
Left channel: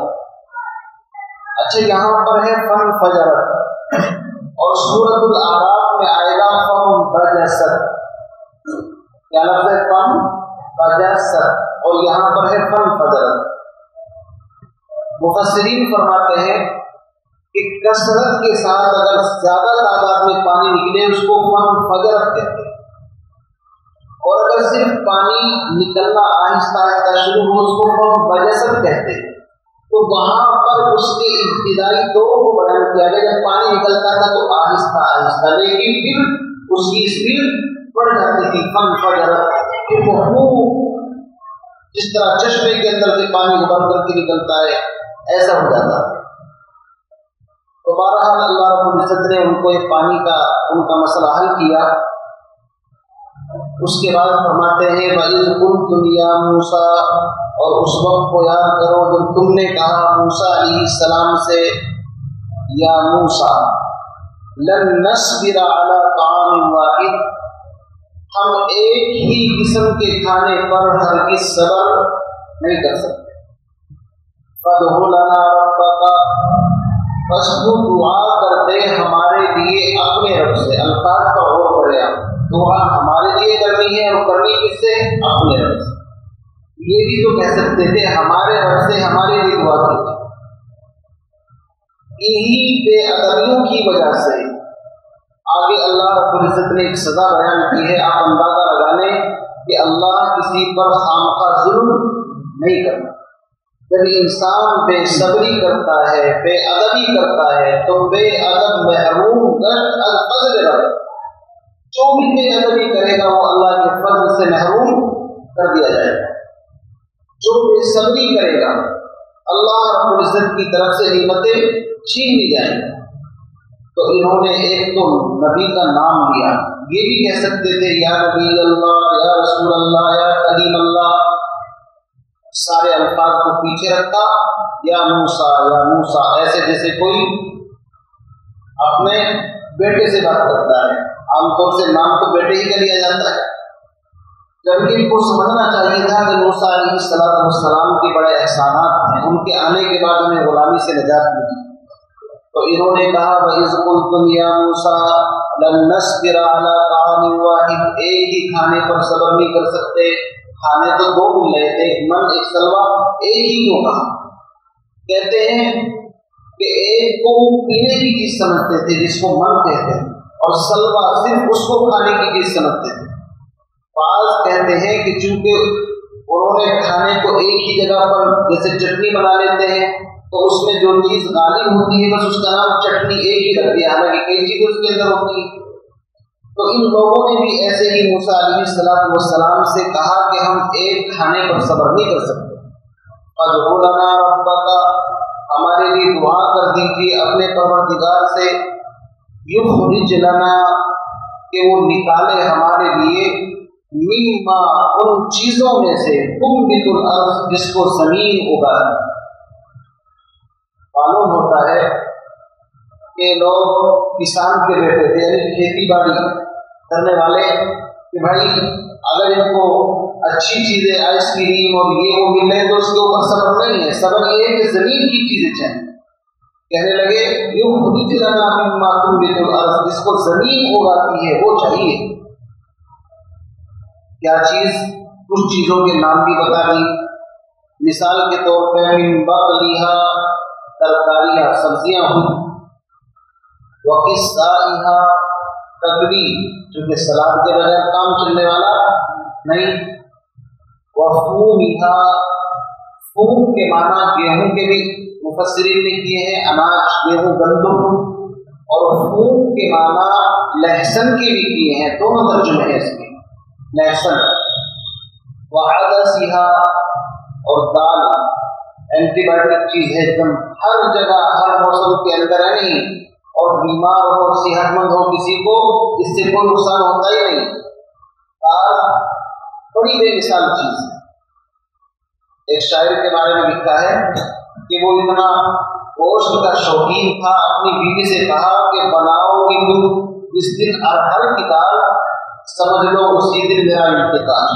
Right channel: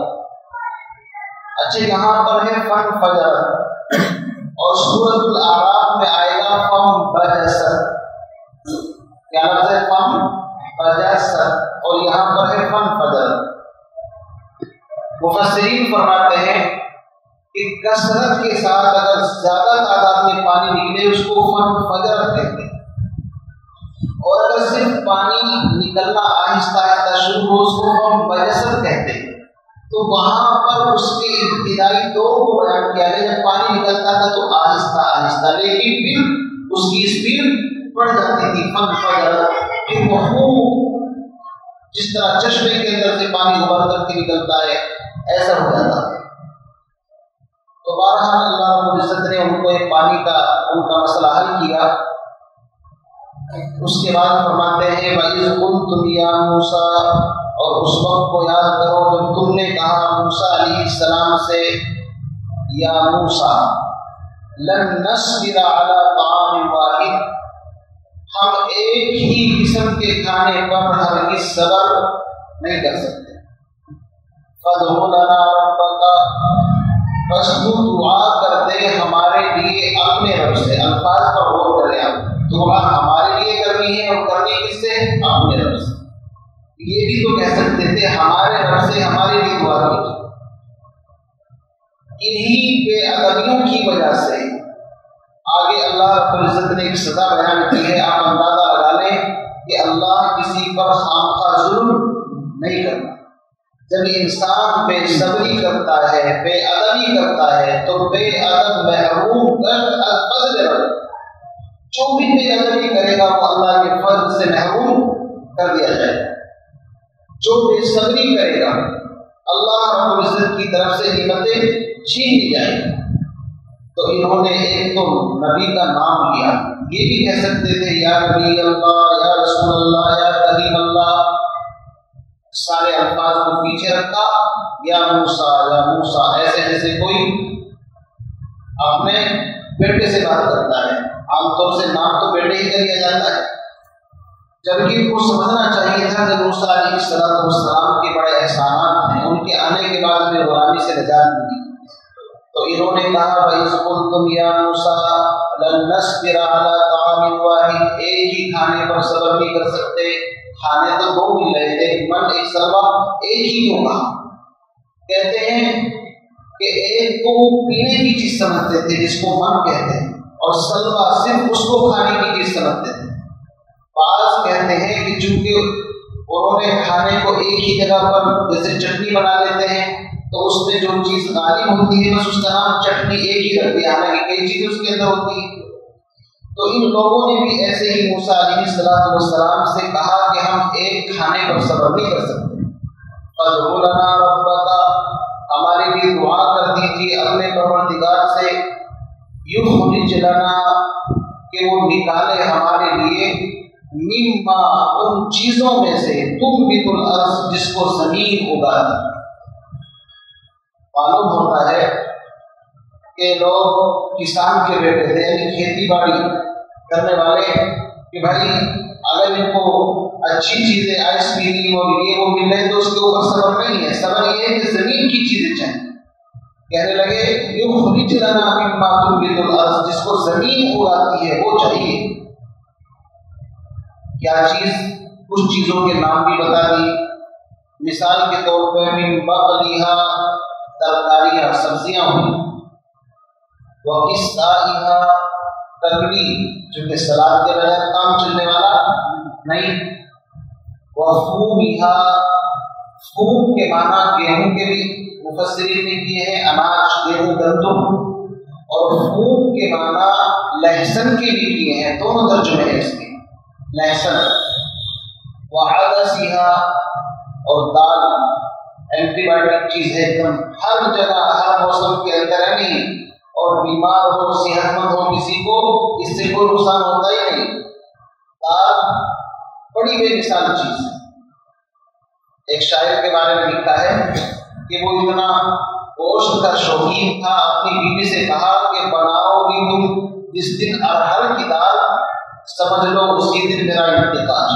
اچھا، یہاں پر ہے فن فجرت، اور سورۃ الاعراف میں آئے گا فم بجست۔ کیا لفظ ہے؟ فم بجست، اور یہاں پر ہے فن فجرت۔ مفسرین فرماتے ہیں کہ کثرت کے ساتھ اگر زیادہ تعداد میں پانی نکلے اس کو فن فجرت کہتے ہیں، اور اگر صرف پانی نکلنا آہستہ آہستہ شروع ہو اس کو فم بجست کہتے ہیں۔ تو وہاں پر اس کے ابتدائی دور کو بیان کیا گیا، جب پانی نکلتا تھا تو آہستہ آہستہ، لیکن پھر اس کی اسپیڈ بڑھ جاتی تھی۔ فن فجرت، پھر وہ خوب جس طرح چشمے کے اندر سے پانی ابھر کر کے نکلتا ہے ایسا ہو جاتا ہے۔ تو بہرحال اللہ رب العزت نے ان کو ایک پانی کا ان کا مسئلہ حل کیا۔ اس کے بعد فرماتے ہیں وَإِذْ قُلْتُمْ يَا مُوسَىٰ، اور اس وقت کو یاد کرو جب تم نے کہا موسیٰ علیہ السلام سے، یا موسیٰ لن نصبر علی طعام واحد، ہم ایک ہی قسم کے کھانے پر ہرگز صبر نہیں کر سکتے۔ فَادْعُ لَنَا رَبَّكَ، بس تو دعا کر دے ہمارے لیے اپنے رب سے۔ الفاظ پر غور کریں آپ، دعا ہمارے لیے کرنی ہے، اور کرنی کس سے؟ اپنے رب سے۔ یہ بھی تو کہہ سکتے تھے ہمارے رب سے ہمارے لیے دعا کیجیے۔ انہی بے ادبیوں کی وجہ سے آگے اللہ رب العزت نے ایک سزا بیان کی ہے۔ آپ اندازہ لگا لیں کہ اللہ کسی پر خامخواہ ظلم نہیں کرتا۔ جب انسان بے صبری کرتا ہے، بے ادبی کرتا ہے، تو بے ادب محروم کر فضل رب، جو بھی بے ادبی کرے گا وہ اللہ کے فضل سے محروم کر دیا جائے گا۔ جو بے صبری کرے گا اللہ رب العزت کی طرف سے نعمتیں چھین لی جائیں گی۔ تو انہوں نے ایک تو نبی کا نام لیا، یہ بھی کہہ سکتے تھے یا نبی اللہ، یا رسول اللہ، یا کلیم اللہ، سارے الفاظ کو پیچھے رکھا، یا موسیٰ، یا موسیٰ، ایسے جیسے کوئی اپنے بیٹے سے بات کرتا ہے۔ عام طور سے نام تو بیٹے ہی کا لیا جاتا ہے، جبکہ ان کو سمجھنا چاہیے تھا کہ موسیٰ علیہ السلام کے بڑے احسانات ہیں، ان کے آنے کے بعد ہمیں غلامی سے نجات ملی۔ تو انہوں نے کہا وَإِذْ قُلْتُمْ يَا مُوسَىٰ لَن نَّصْبِرَ عَلَىٰ طَعَامٍ وَاحِدٍ، ایک ہی کھانے پر صبر نہیں کر سکتے۔ کھانے تو 2 مل رہے تھے، من ایک سلوا، ایک ہی کیوں کہا؟ کہتے ہیں کہ ایک کو پینے کی چیز سمجھتے تھے جس کو من کہتے ہیں، اور سلوا صرف اس کو کھانے کی چیز سمجھتے تھے۔ بعض کہتے ہیں کہ چونکہ انہوں نے کھانے کو ایک ہی جگہ پر جیسے چٹنی بنا لیتے ہیں تو اس میں جو چیز غالب ہوتی ہے بس اس کا نام چٹنی ایک ہی رکھ دیا، حالانکہ کئی چیزیں اس کے اندر ہوتی ہیں۔ تو ان لوگوں نے بھی ایسے ہی موسیٰ علیہ السلام سے کہا کہ ہم ایک کھانے پر صبر نہیں کر سکتے۔ فَادْعُ لَنَا رَبَّكَ، ہمارے لیے دعا کر دیجیے اپنے پروردگار سے، یخرج لنا، کہ وہ نکالے ہمارے لیے، مما، ان چیزوں میں سے، تنبت الارض، جس کو زمین اگاتی۔ معلوم ہوتا ہے کہ لوگ کسان کے بیٹے تھے، یعنی کھیتی باڑی کرنے والے، کہ بھائی اگر ان کو اچھی چیزیں آئس کریم اور یہ وہ مل رہے تو اس کے اوپر صبر نہیں ہے، صبر یہ ہے کہ زمین کی چیزیں چاہیے۔ کہنے لگے یخرج لنا مما تنبت الارض، جس کو زمین اگاتی ہے وہ چاہیے۔ کیا چیز؟ کچھ چیزوں کے نام بھی بتا دی، مثال کے طور پہ من بقلیہا ترکاریاں سبزیاں ہوئی، وقصائہا ککڑی جو کہ سلاد کے بغیر کام چلنے والا نہیں، وفومہا فوم کے معنی گیہوں کے بھی مفسرین نے کیے ہیں، اناج گیہوں گندم، اور فوم کے معنی لہسن کے بھی کیے ہیں، دونوں ترجمے ہیں اس کے لہسن، وعدسہا اور دال اینٹی بایوٹک چیز ہے ایک دم، ہر جگہ ہر موسم کے اندر ہے نہیں، اور بیمار ہو صحت مند ہو کسی کو اس سے کوئی نقصان ہوتا ہی نہیں، دال بڑی بے مثال چیز ہے۔ ایک شاعر کے بارے میں لکھا ہے کہ وہ اتنا گوشت کا شوقین تھا، اپنی بیوی سے کہا کہ بناؤ گی تم جس دن ارہر کی دال، سمجھ لو اسی دن میرا انتقال۔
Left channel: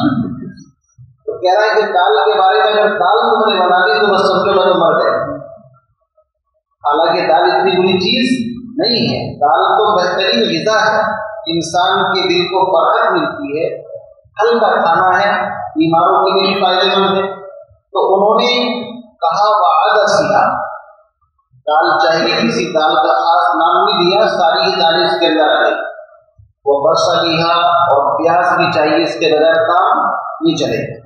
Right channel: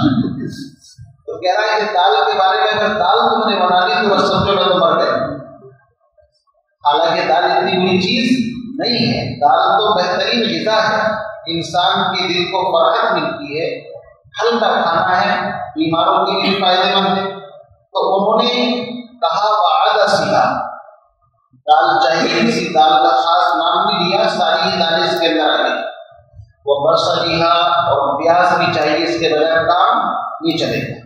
تو کہہ رہا ہے کہ دال کے بارے میں اگر دال تم نے بنا لی تو بس سمجھو میں تو مر گئے، حالانکہ دال اتنی بری چیز نہیں ہے، دال تو بہترین غذا ہے، انسان کے دل کو فرحت ملتی ہے، ہلکا کھانا ہے، بیماروں کے لیے فائدہ مند ہے۔ تو انہوں نے کہا وعدسہا، دال چاہیے، کسی دال کا خاص نام بھی دیا، ساری ہی دالیں اس کے اندر آ گئی، وہ بصلیہا اور پیاز بھی چاہیے، اس کے بغیر کام نہیں چلے گا۔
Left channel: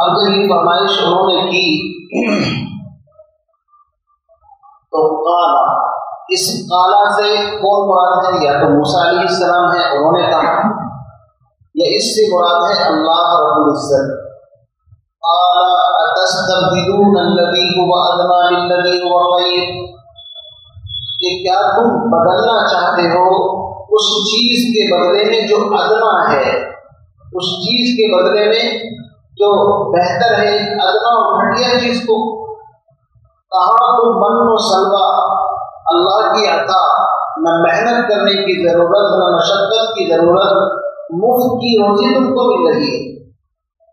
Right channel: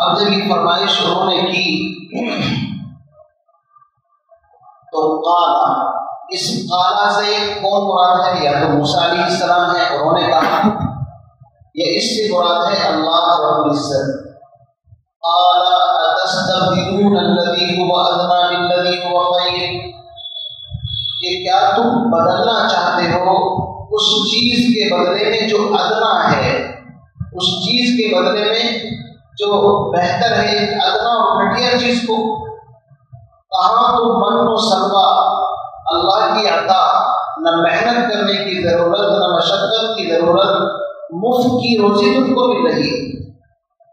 اب جب یہ فرمائش انہوں نے کی تو قالا، اس قالا سے کون مراد ہے؟ یا تو موسیٰ علیہ السلام ہے، انہوں نے کہا، یا اس سے مراد ہے اللہ رب العزت۔ قال اتستبدلون الذی هو ادنی بالذی هو خیر، کہ کیا تم بدلنا چاہتے ہو اس چیز کے بدلے میں جو ادنا ہے، اس چیز کے بدلے میں جو بہتر ہے، ادنا اور گھٹیا چیز کو؟ کہاں تم من و سلوہ، اللہ کی عطا، نہ محنت کرنے کی ضرورت نہ مشقت کی ضرورت، مفت کی روزی تم کو مل رہی ہے،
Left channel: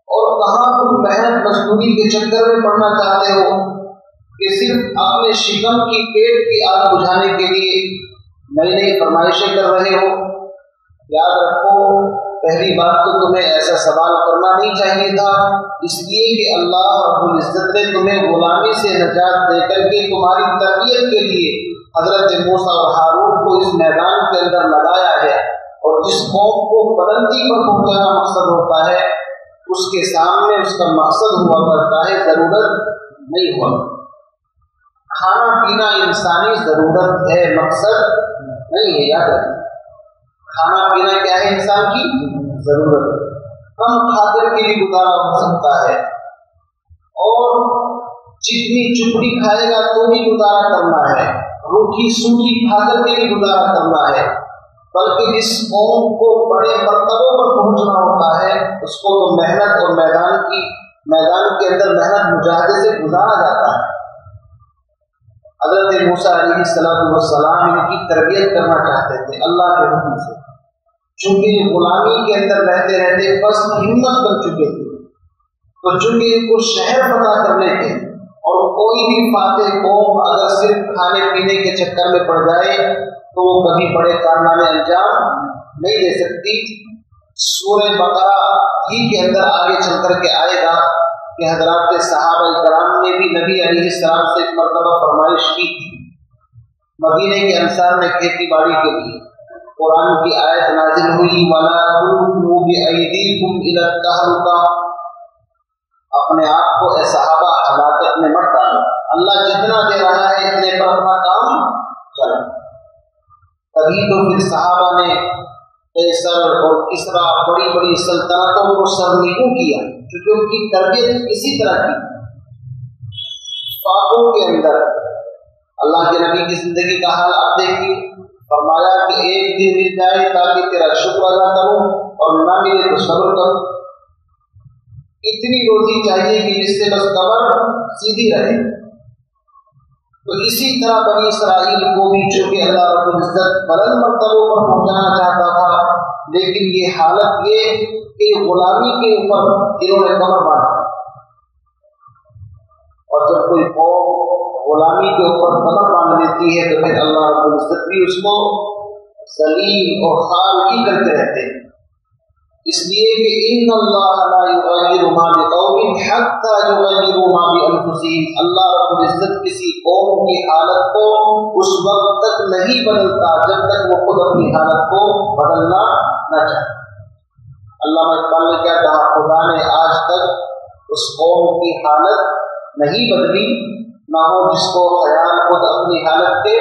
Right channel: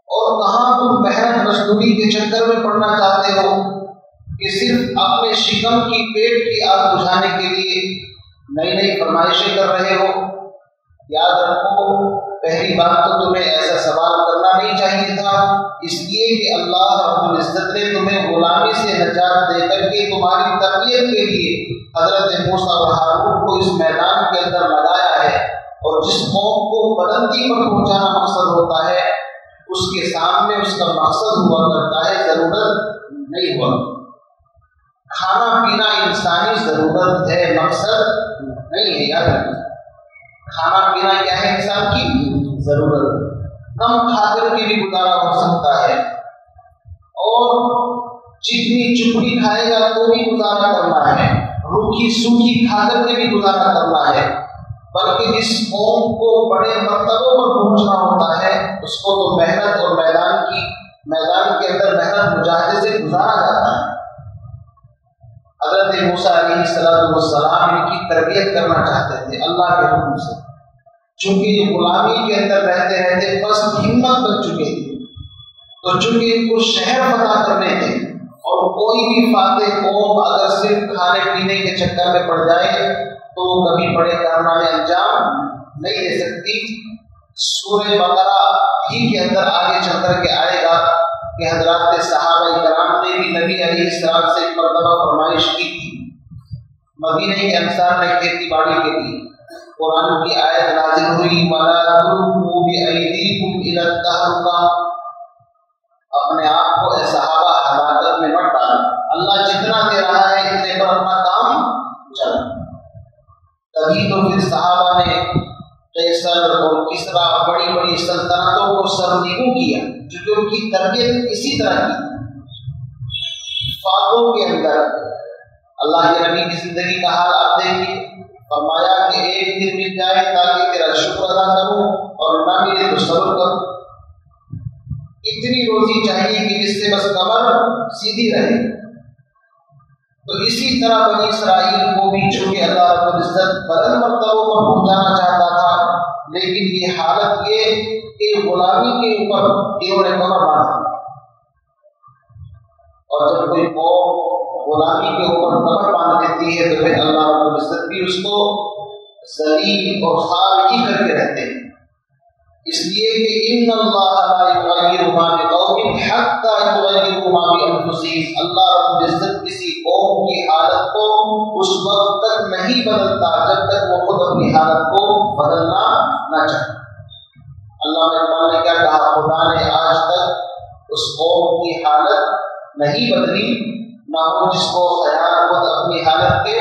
اور کہاں تم محنت مزدوری کے چکر میں پڑنا چاہتے ہو کہ صرف اپنے شکم کی پیٹ کی آگ بجھانے کے لیے نئی نئی فرمائشیں کر رہے ہو؟ یاد رکھو، پہلی بات تو تمہیں ایسا سوال کرنا نہیں چاہیے تھا، اس لیے کہ اللہ رب العزت نے تمہیں غلامی سے نجات دے کر کے تمہاری تربیت کے لیے حضرت موسیٰ اور ہارون کو اس میدان کے اندر لگایا ہے، اور جس قوم کو بلندی پر پہنچانا مقصد ہوتا ہے اس کے سامنے اس کا مقصد ہوا کرتا ہے، ضرورت نہیں ہوا۔ کھانا پینا انسانی ضرورت ہے، مقصد نہیں ہے، یاد رکھیں، کھانا پینا کیا ہے؟ انسان کی ضرورت، کم کھا کر کے بھی گزارا ہو سکتا ہے، اور چکنی چپڑی کھائے گا تو بھی گزارا کرنا ہے، روکھی سوکھی کھا کر کے بھی گزارا کرنا ہے، بلکہ جس قوم کو بڑے مرتبوں پر پہنچنا ہوتا ہے اس کو تو محنت اور میدان کے اندر محنت مجاہدے سے گزارا جاتا ہے۔ حضرت موسیٰ علیہ السلام ان کی تربیت کرنا چاہتے تھے اللہ کے حکم سے، چونکہ یہ غلامی کے اندر رہتے رہتے پست ہمت بن چکے تھے، تو چونکہ ان کو شہر فتح کرنے تھے، اور کوئی بھی فاتح قوم اگر صرف کھانے پینے کے چکر میں پڑ جائے تو وہ کبھی بڑے کارنامے انجام نہیں دے سکتی۔ سورہ بقرہ ہی کے اندر آگے چل کر کے آئے گا کہ حضرات صحابہ کرام نے بھی نبی علیہ السلام سے ایک مرتبہ فرمائش کی تھی، مدینے کے انصار نے کھیتی باڑی کے لیے، قرآن کی آیت نازل ہوئی وَلَا تُلْقُوا بِأَيْدِيكُمْ إِلَى التَّهْلُكَةِ، اپنے آپ کو اے صحابہ ہلاکت میں مت ڈالو، اللہ جتنا دے رہا ہے اتنے پر اپنا کام چلا۔ تبھی تو پھر صحابہ نے قیصر اور کسریٰ بڑی بڑی سلطنتوں کو سرنگوں کیا، کیونکہ ان کی تربیت اسی طرح کی۔ فاقوں کے اندر اللہ کے نبی کی زندگی کا حال آپ دیکھیے، فرمایا کہ ایک دن مل جائے تاکہ تیرا شکر ادا کروں، اور نہ ملے تو صبر کروں۔ اتنی روزی چاہیے کہ جس سے بس کمر سیدھی رہے۔ تو اسی طرح بنی اسرائیل کو بھی چونکہ اللہ رب العزت بلند مرتبوں پر پہنچانا چاہتا تھا، لیکن یہ حالت یہ کہ غلامی کے اوپر انہوں نے کمر باندھا، اور جب کوئی قوم غلامی کے اوپر کمر باندھ لیتی ہے تو پھر اللہ رب العزت بھی اس کو ذلیل اور خوار ہی کر کے رہتے ہیں۔ اس لیے کہ ان اللہ لا یغیر ما بقوم حتی یغیروا ما بانفسہم، اللہ رب العزت کسی قوم کی حالت کو اس وقت تک نہیں بدلتا جب تک وہ خود اپنی حالت کو بدلنا نہ چاہے۔ علامہ اقبال نے کیا کہا، خدا نے آج تک اس قوم کی حالت نہیں بدلی، نہ ہو جس کو خیال خود اپنی حالت کے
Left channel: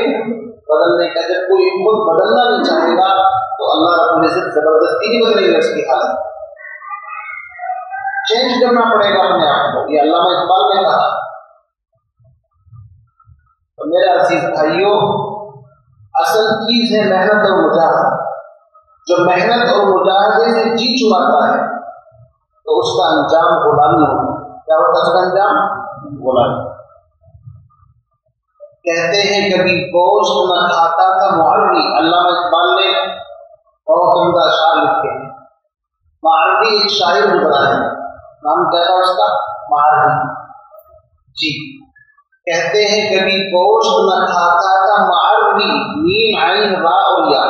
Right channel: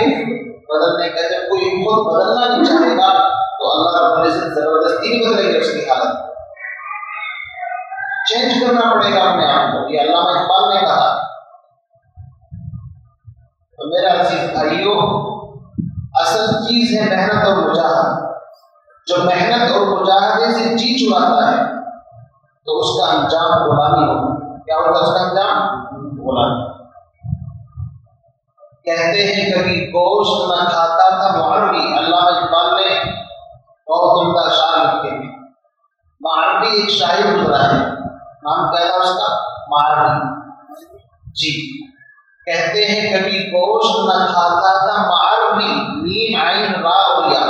بدلنے کا۔ جب کوئی خود بدلنا نہیں چاہے گا تو اللہ رب العزت زبردستی نہیں بدلے گا اس کی حالت، چینج کرنا پڑے گا اپنے آپ کو، یہ علامہ اقبال نے کہا۔ تو میرا عزیز بھائیوں، اصل چیز ہے محنت اور مجاہدہ۔ جو محنت اور مجاہدے سے جی چراتا ہے تو اس کا انجام غلامی ہوگا۔ کیا ہوگا اس کا انجام؟ غلامی۔ کہتے ہیں کبھی گوشت نہ کھاتا تھا معربی، علامہ اقبال نے بہت عمدہ اشعار لکھے ہیں۔ معربی ایک شاعر گزرا ہے، نام کیا تھا اس کا؟ معربی جی۔ کہتے ہیں کبھی گوشت نہ کھاتا تھا معربی، میم عین را اور یا،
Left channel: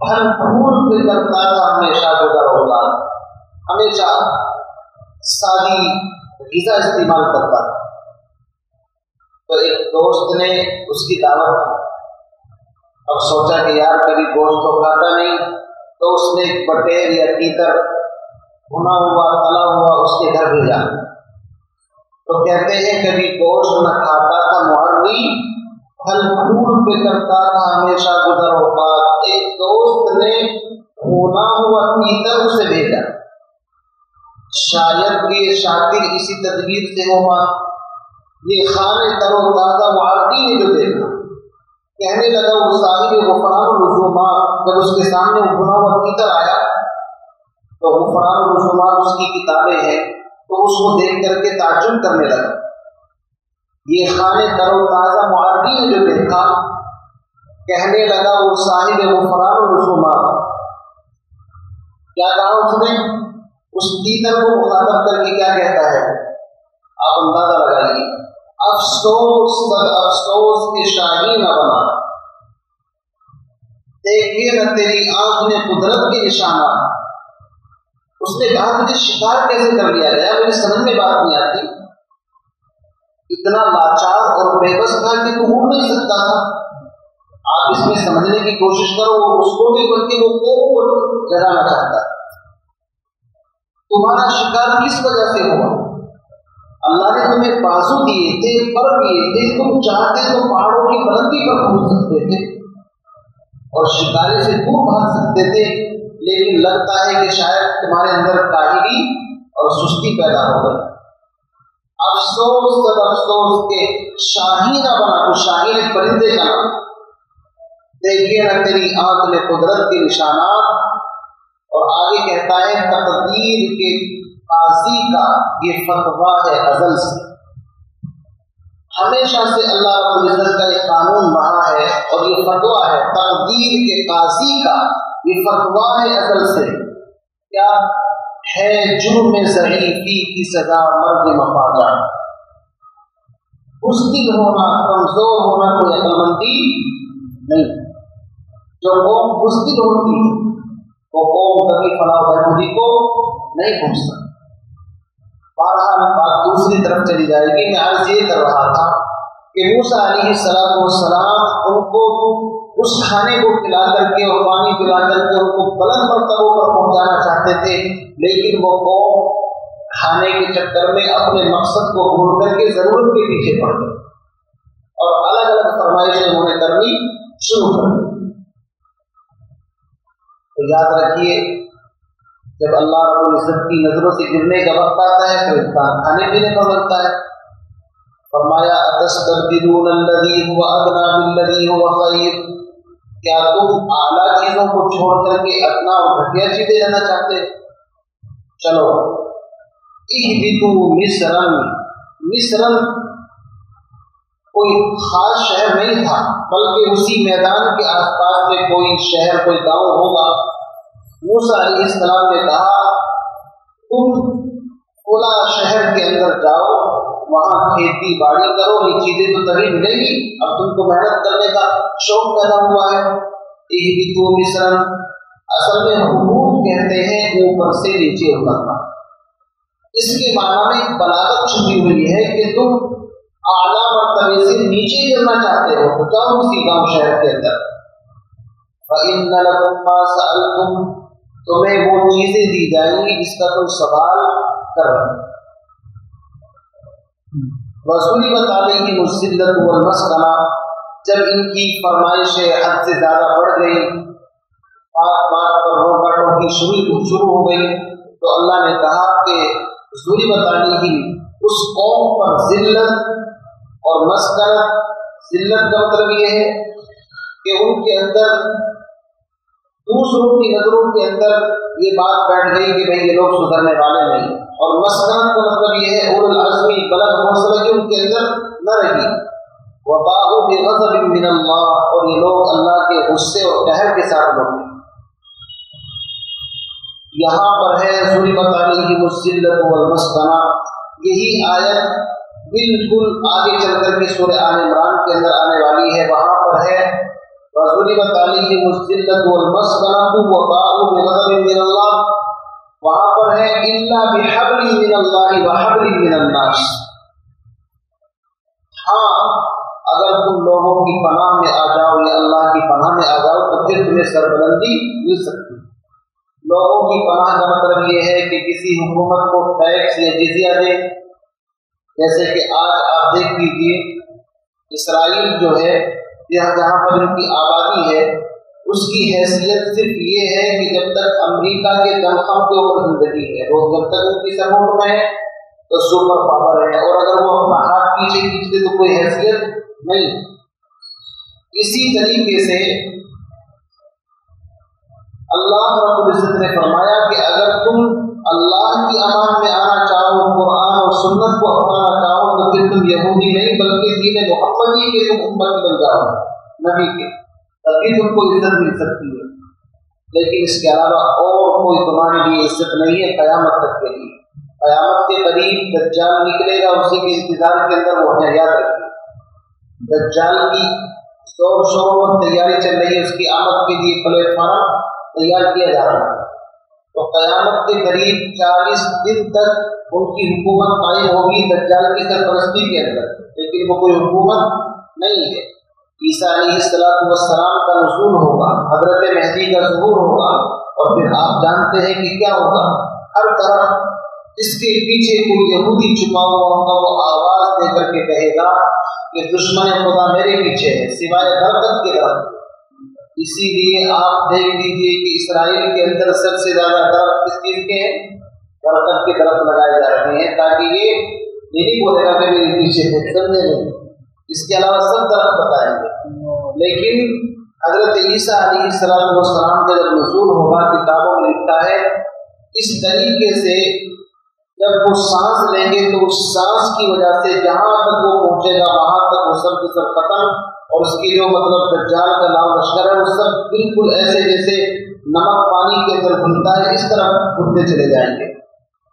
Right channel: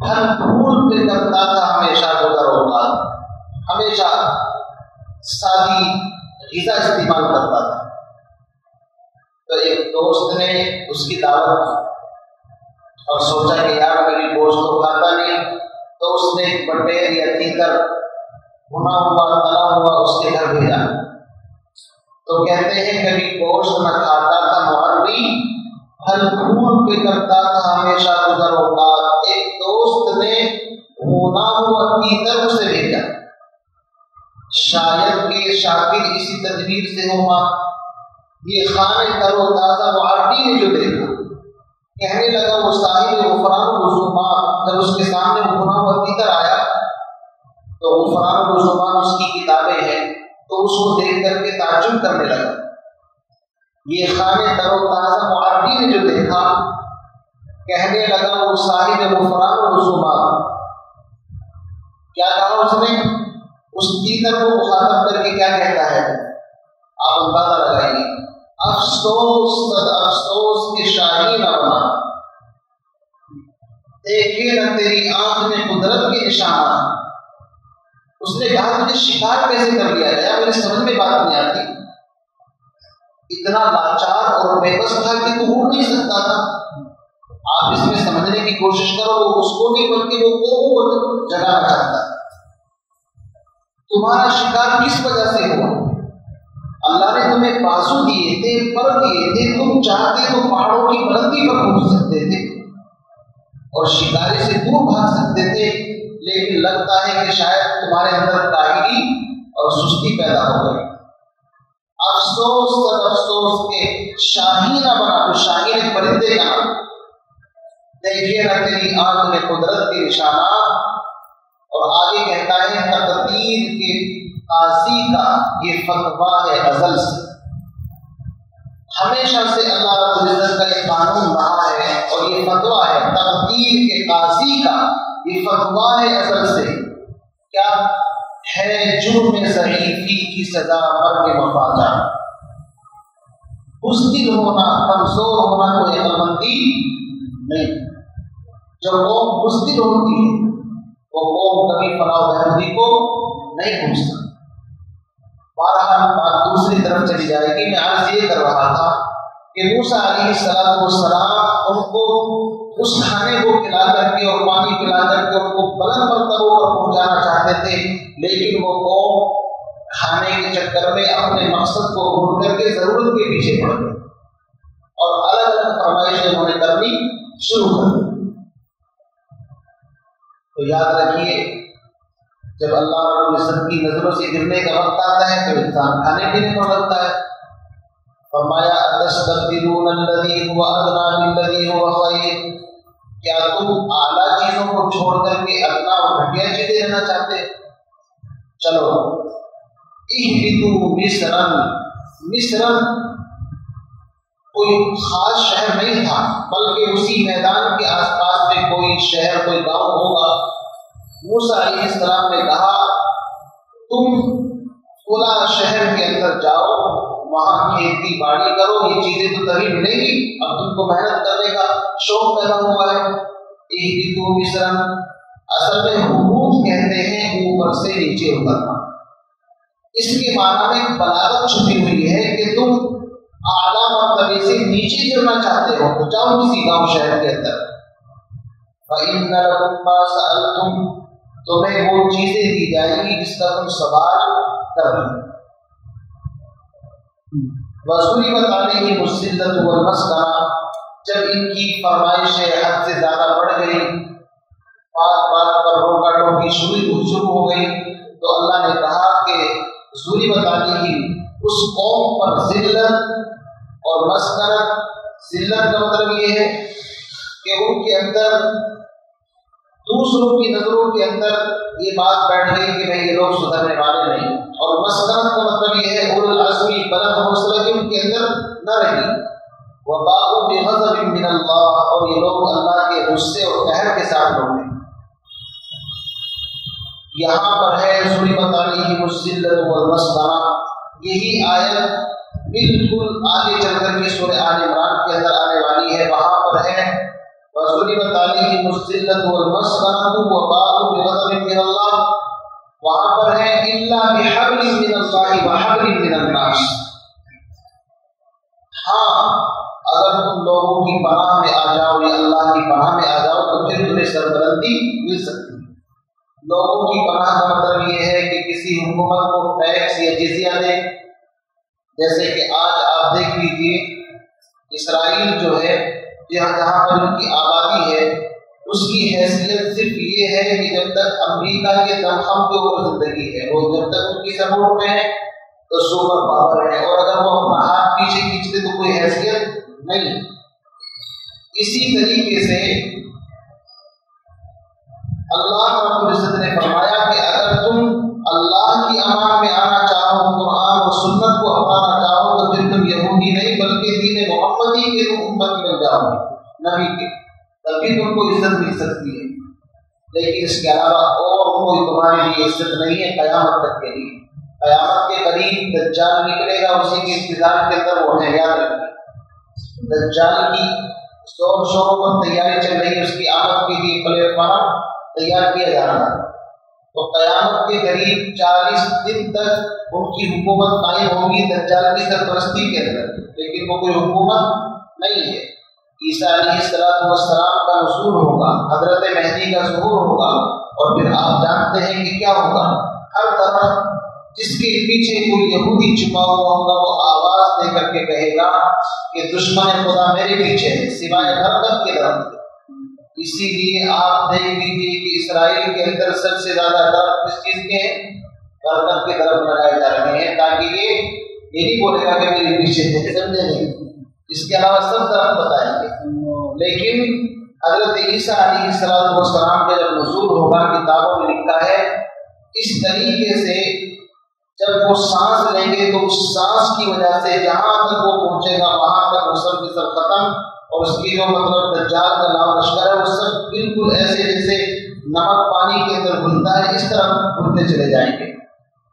پھل پھول پہ کرتا تھا ہمیشہ گزر اوقات، ہمیشہ سادی غذا استعمال کرتا تھا۔ تو ایک دوست نے اس کی دعوت کی اور سوچا کہ یار کبھی گوشت تو کھاتا نہیں، تو اس نے ایک بٹیر یا تیتر بھنا ہوا تلا ہوا اس کے گھر بھیجا۔ تو کہتے ہیں کبھی گوشت نہ کھاتا تھا معربی، پھل پھول پہ کرتا تھا ہمیشہ گزر اوقات۔ ایک دوست نے بھنا ہوا تیتر اسے بھیجا، شاید کہ شاکر اسی تدبیر سے ہوگا۔ یہ خانے تر و تازہ معربی نے جو دیکھا، کہنے لگا وہ صاحب غفران الرسومات، جب اس کے سامنے بھنا ہوا تیتر آیا تو غفران الرسومات اس کی کتابیں ہیں، تو اس کو دیکھ کر کے تعجب کرنے لگا۔ یہ خانے تر و تازہ معربی نے جو دیکھا، کہنے لگا وہ صاحب غفران الرسومات۔ کیا کہا اس نے؟ اس تیتر کو مخاطب کر کے کیا کہتا ہے آپ اندازہ لگائیے، افسوس صد افسوس کے شاہی نہ بنا، دیکھے نہ تیری آنکھ نے قدرت کے نشانات۔ اس نے کہا مجھے شکار کیسے کر لیا گیا، میرے سمجھ میں بات نہیں آتی، اتنا لاچار اور بے بس تھا کہ تو اڑ نہیں سکتا تھا۔ آپ اس میں سمجھنے کی کوشش کرو، وہ اس کو نہیں بلکہ وہ قوم کو جگانا چاہتا ہے۔ تمہارا شکار کس وجہ سے ہوا؟ اللہ نے تمہیں بازو دیے تھے، پر دیے تھے، تم چاہتے تو پہاڑوں کی بلندی پر پہنچ سکتے تھے اور شکاری سے دور بھاگ سکتے تھے، لیکن لگتا ہے کہ شاید تمہارے اندر کاہلی اور سستی پیدا ہو گئی۔ افسوس سب افسوس کے شاہی نہ بنا، تو شاہین پرندے کا نام، دیکھیے نہ تیری آنکھ میں قدرت کے نشانات۔ اور آگے کہتا ہے تقدیر کے قاضی کا یہ فتویٰ ہے ازل سے، ہمیشہ سے اللہ رب العزت کا یہ قانون رہا ہے اور یہ فتویٰ ہے تقدیر کے قاضی کا، یہ فتویٰ ہے ازل سے۔ کیا ہے جرم ضعیفی کی سزا مرگ مفاجہ، بزدل ہونا کمزور ہونا کوئی عقل مندی نہیں۔ جو قوم بزدل ہوتی ہے وہ قوم کبھی فلاح و بہبودی کو نہیں پہنچ سکتی۔ بہرحال بات دوسری طرف چلی جائے گی۔ میں عرض یہ کر رہا تھا کہ موسیٰ علیہ السلام ان کو اس کھانے کو کھلا کر کے اور پانی پلا کر کے ان کو بلند مرتبوں پر پہنچانا چاہتے تھے، لیکن وہ قوم کھانے کے چکر میں اپنے مقصد کو بھول کر کے ضرورت کے پیچھے پڑ گئے اور الگ الگ فرمائشیں انہوں نے کرنی شروع کر دی۔ تو یاد رکھیے، جب اللہ رب العزت کی نظروں سے گرنے کا وقت آتا ہے تو انسان کھانے پینے پر لگتا ہے۔ فرمایا اتستبدلون الذی هو ادنی بالذی هو خیر، کیا تم اعلیٰ چیزوں کو چھوڑ کر کے ادنا اور گھٹیا چیزیں لینا چاہتے؟ چلو اہبطوا مصرا کوئی خاص شہر نہیں تھا، بلکہ اسی میدان کے آس پاس میں کوئی شہر کوئی گاؤں ہوگا۔ موسیٰ علیہ السلام نے کہا تم فلاں شہر کے اندر جاؤ، وہاں کھیتی باڑی کرو، یہ چیزیں تو تبھی ملیں گی، اب تم کو محنت کرنے کا شوق پیدا ہوا ہے۔ اہبطوا مصرا اصل میں حبوط کہتے ہیں اوپر سے نیچے اترنا. اس کے معنی میں ایک بلاغت چھپی ہوئی ہے کہ تم اعلیٰ مرتبے سے نیچے گرنا چاہتے ہو تو جاؤ کسی گاؤں شہر کے اندر. فَإِنَّ لَكُمْ مَا سَأَلْتُمْ تمہیں وہ چیزیں دی جائیں گی جس کا تم سوال کر رہے ہو. وَضُرِبَتْ عَلَيْهِمُ الذِّلَّةُ وَالْمَسْكَنَةُ جب ان کی فرمائشیں حد سے زیادہ بڑھ گئی، بات بات پر روکا ٹوکی شروع ہو گئی، تو اللہ نے کہا کہ ضُرِبَتْ عَلَيْهِمْ اس قوم پر ذلت اور مسکنت. ذلت کا مطلب یہ ہے کہ ان کے اندر دوسروں کی نظروں کے اندر یہ بات بیٹھ گئی کہ بھئی یہ لوگ سدھرنے والے نہیں. اور مسکنت کا مطلب یہ ہے اولو العزمی بلند حوصلہ کہ ان کے اندر نہ رہی. وباءوا بغضب من اللہ اور یہ لوگ اللہ کے غصے اور قہر کے ساتھ لوٹے. یہاں پر ہے ضربت علیہم الذلۃ والمسکنہ. یہی آیت بالکل آگے چل کر کے سورہ آل عمران کے اندر آنے والی ہے. وہاں پر ہے وَضُرِبَتْ عَلَيْهِمُ الذِّلَّةُ وَالْمَسْكَنَةُ وَبَاءُوا بِغَضَبٍ مِّنَ اللَّهِ. وہاں پر ہے إِلَّا بِحَبْلٍ مِّنَ اللَّهِ وَحَبْلٍ مِّنَ النَّاسِ. ہاں اگر تم لوگوں کی پناہ میں آ جاؤ یا اللہ کی پناہ میں آ جاؤ تو پھر تمہیں سربلندی مل سکتی ہے. لوگوں کی پناہ کا مطلب یہ ہے کہ کسی حکومت کو ٹیکس یا جزیہ دے. جیسے کہ آج آپ دیکھ لیجیے اسرائیل جو ہے جہاں پر ان کی آبادی ہے اس کی حیثیت صرف یہ ہے کہ جب تک امریکہ کے دمخم کے اوپر زندگی ہے، وہ جب تک ان کی سپورٹ میں ہے تو سپر پاور ہے، اور اگر وہ اپنا ہاتھ پیچھے کھینچتے تو کوئی حیثیت نہیں. اسی طریقے سے اللہ رب العزت نے فرمایا کہ اگر تم اللہ کی امان میں آنا چاہو، قرآن اور سنت کو اپنانا چاہو تو پھر تم یہودی نہیں بلکہ دین محمدی کے تم امتی بن جاؤ نبی کے، تبھی تم کو عزت مل سکتی ہے. لیکن اس کے علاوہ اور کوئی تمہارے لیے عزت نہیں ہے قیامت تک کے لیے. قیامت کے قریب دجال نکلے گا، اسی کے انتظار کے اندر وہ ہے. یاد رکھیے دجال کی شور شوروں پر تیاری چل رہی ہے، اس کی آمد کے لیے پلیٹ فارم تیار کیا جا رہا ہے. تو قیامت کے قریب 40 دن تک ان کی حکومت قائم ہوگی دجال کی سرپرستی کے اندر، لیکن وہ کوئی حکومت نہیں ہے. عیسیٰ علیہ السلام کا نزول ہوگا، حضرت مہدی کا ظہور ہوگا، اور پھر آپ جانتے ہیں کہ کیا ہوگا. ہر طرف جس کے پیچھے کوئی یہودی چھپا ہوا ہوگا وہ آواز دے کر کے کہے گا کہ دشمن خدا میرے پیچھے ہے سوائے برکت کے درخت. اسی لیے آپ دیکھ لیجیے کہ اسرائیل کے اندر سب سے زیادہ درخت کس چیز کے ہیں؟ برکت کے درخت لگائے جا رہے ہیں، تاکہ یہ نہیں بولے گا کہ میرے پیچھے ہے. سمجھے نہیں؟ اس کے علاوہ سب درخت بتائیں گے. لیکن حضرت عیسیٰ علیہ السلام کا جب نزول ہوگا کتابوں میں لکھا ہے اس طریقے سے جب وہ سانس لیں گے تو اس سانس کی وجہ سے جہاں تک وہ پہنچے گا وہاں تک وہ سب کے سب ختم، اور اس کی جو مطلب دجال کا نام لشکر ہے وہ سب بالکل ایسے جیسے نمک پانی کے اندر گھلتا ہے اس طرح گھلتے چلے جائیں گے.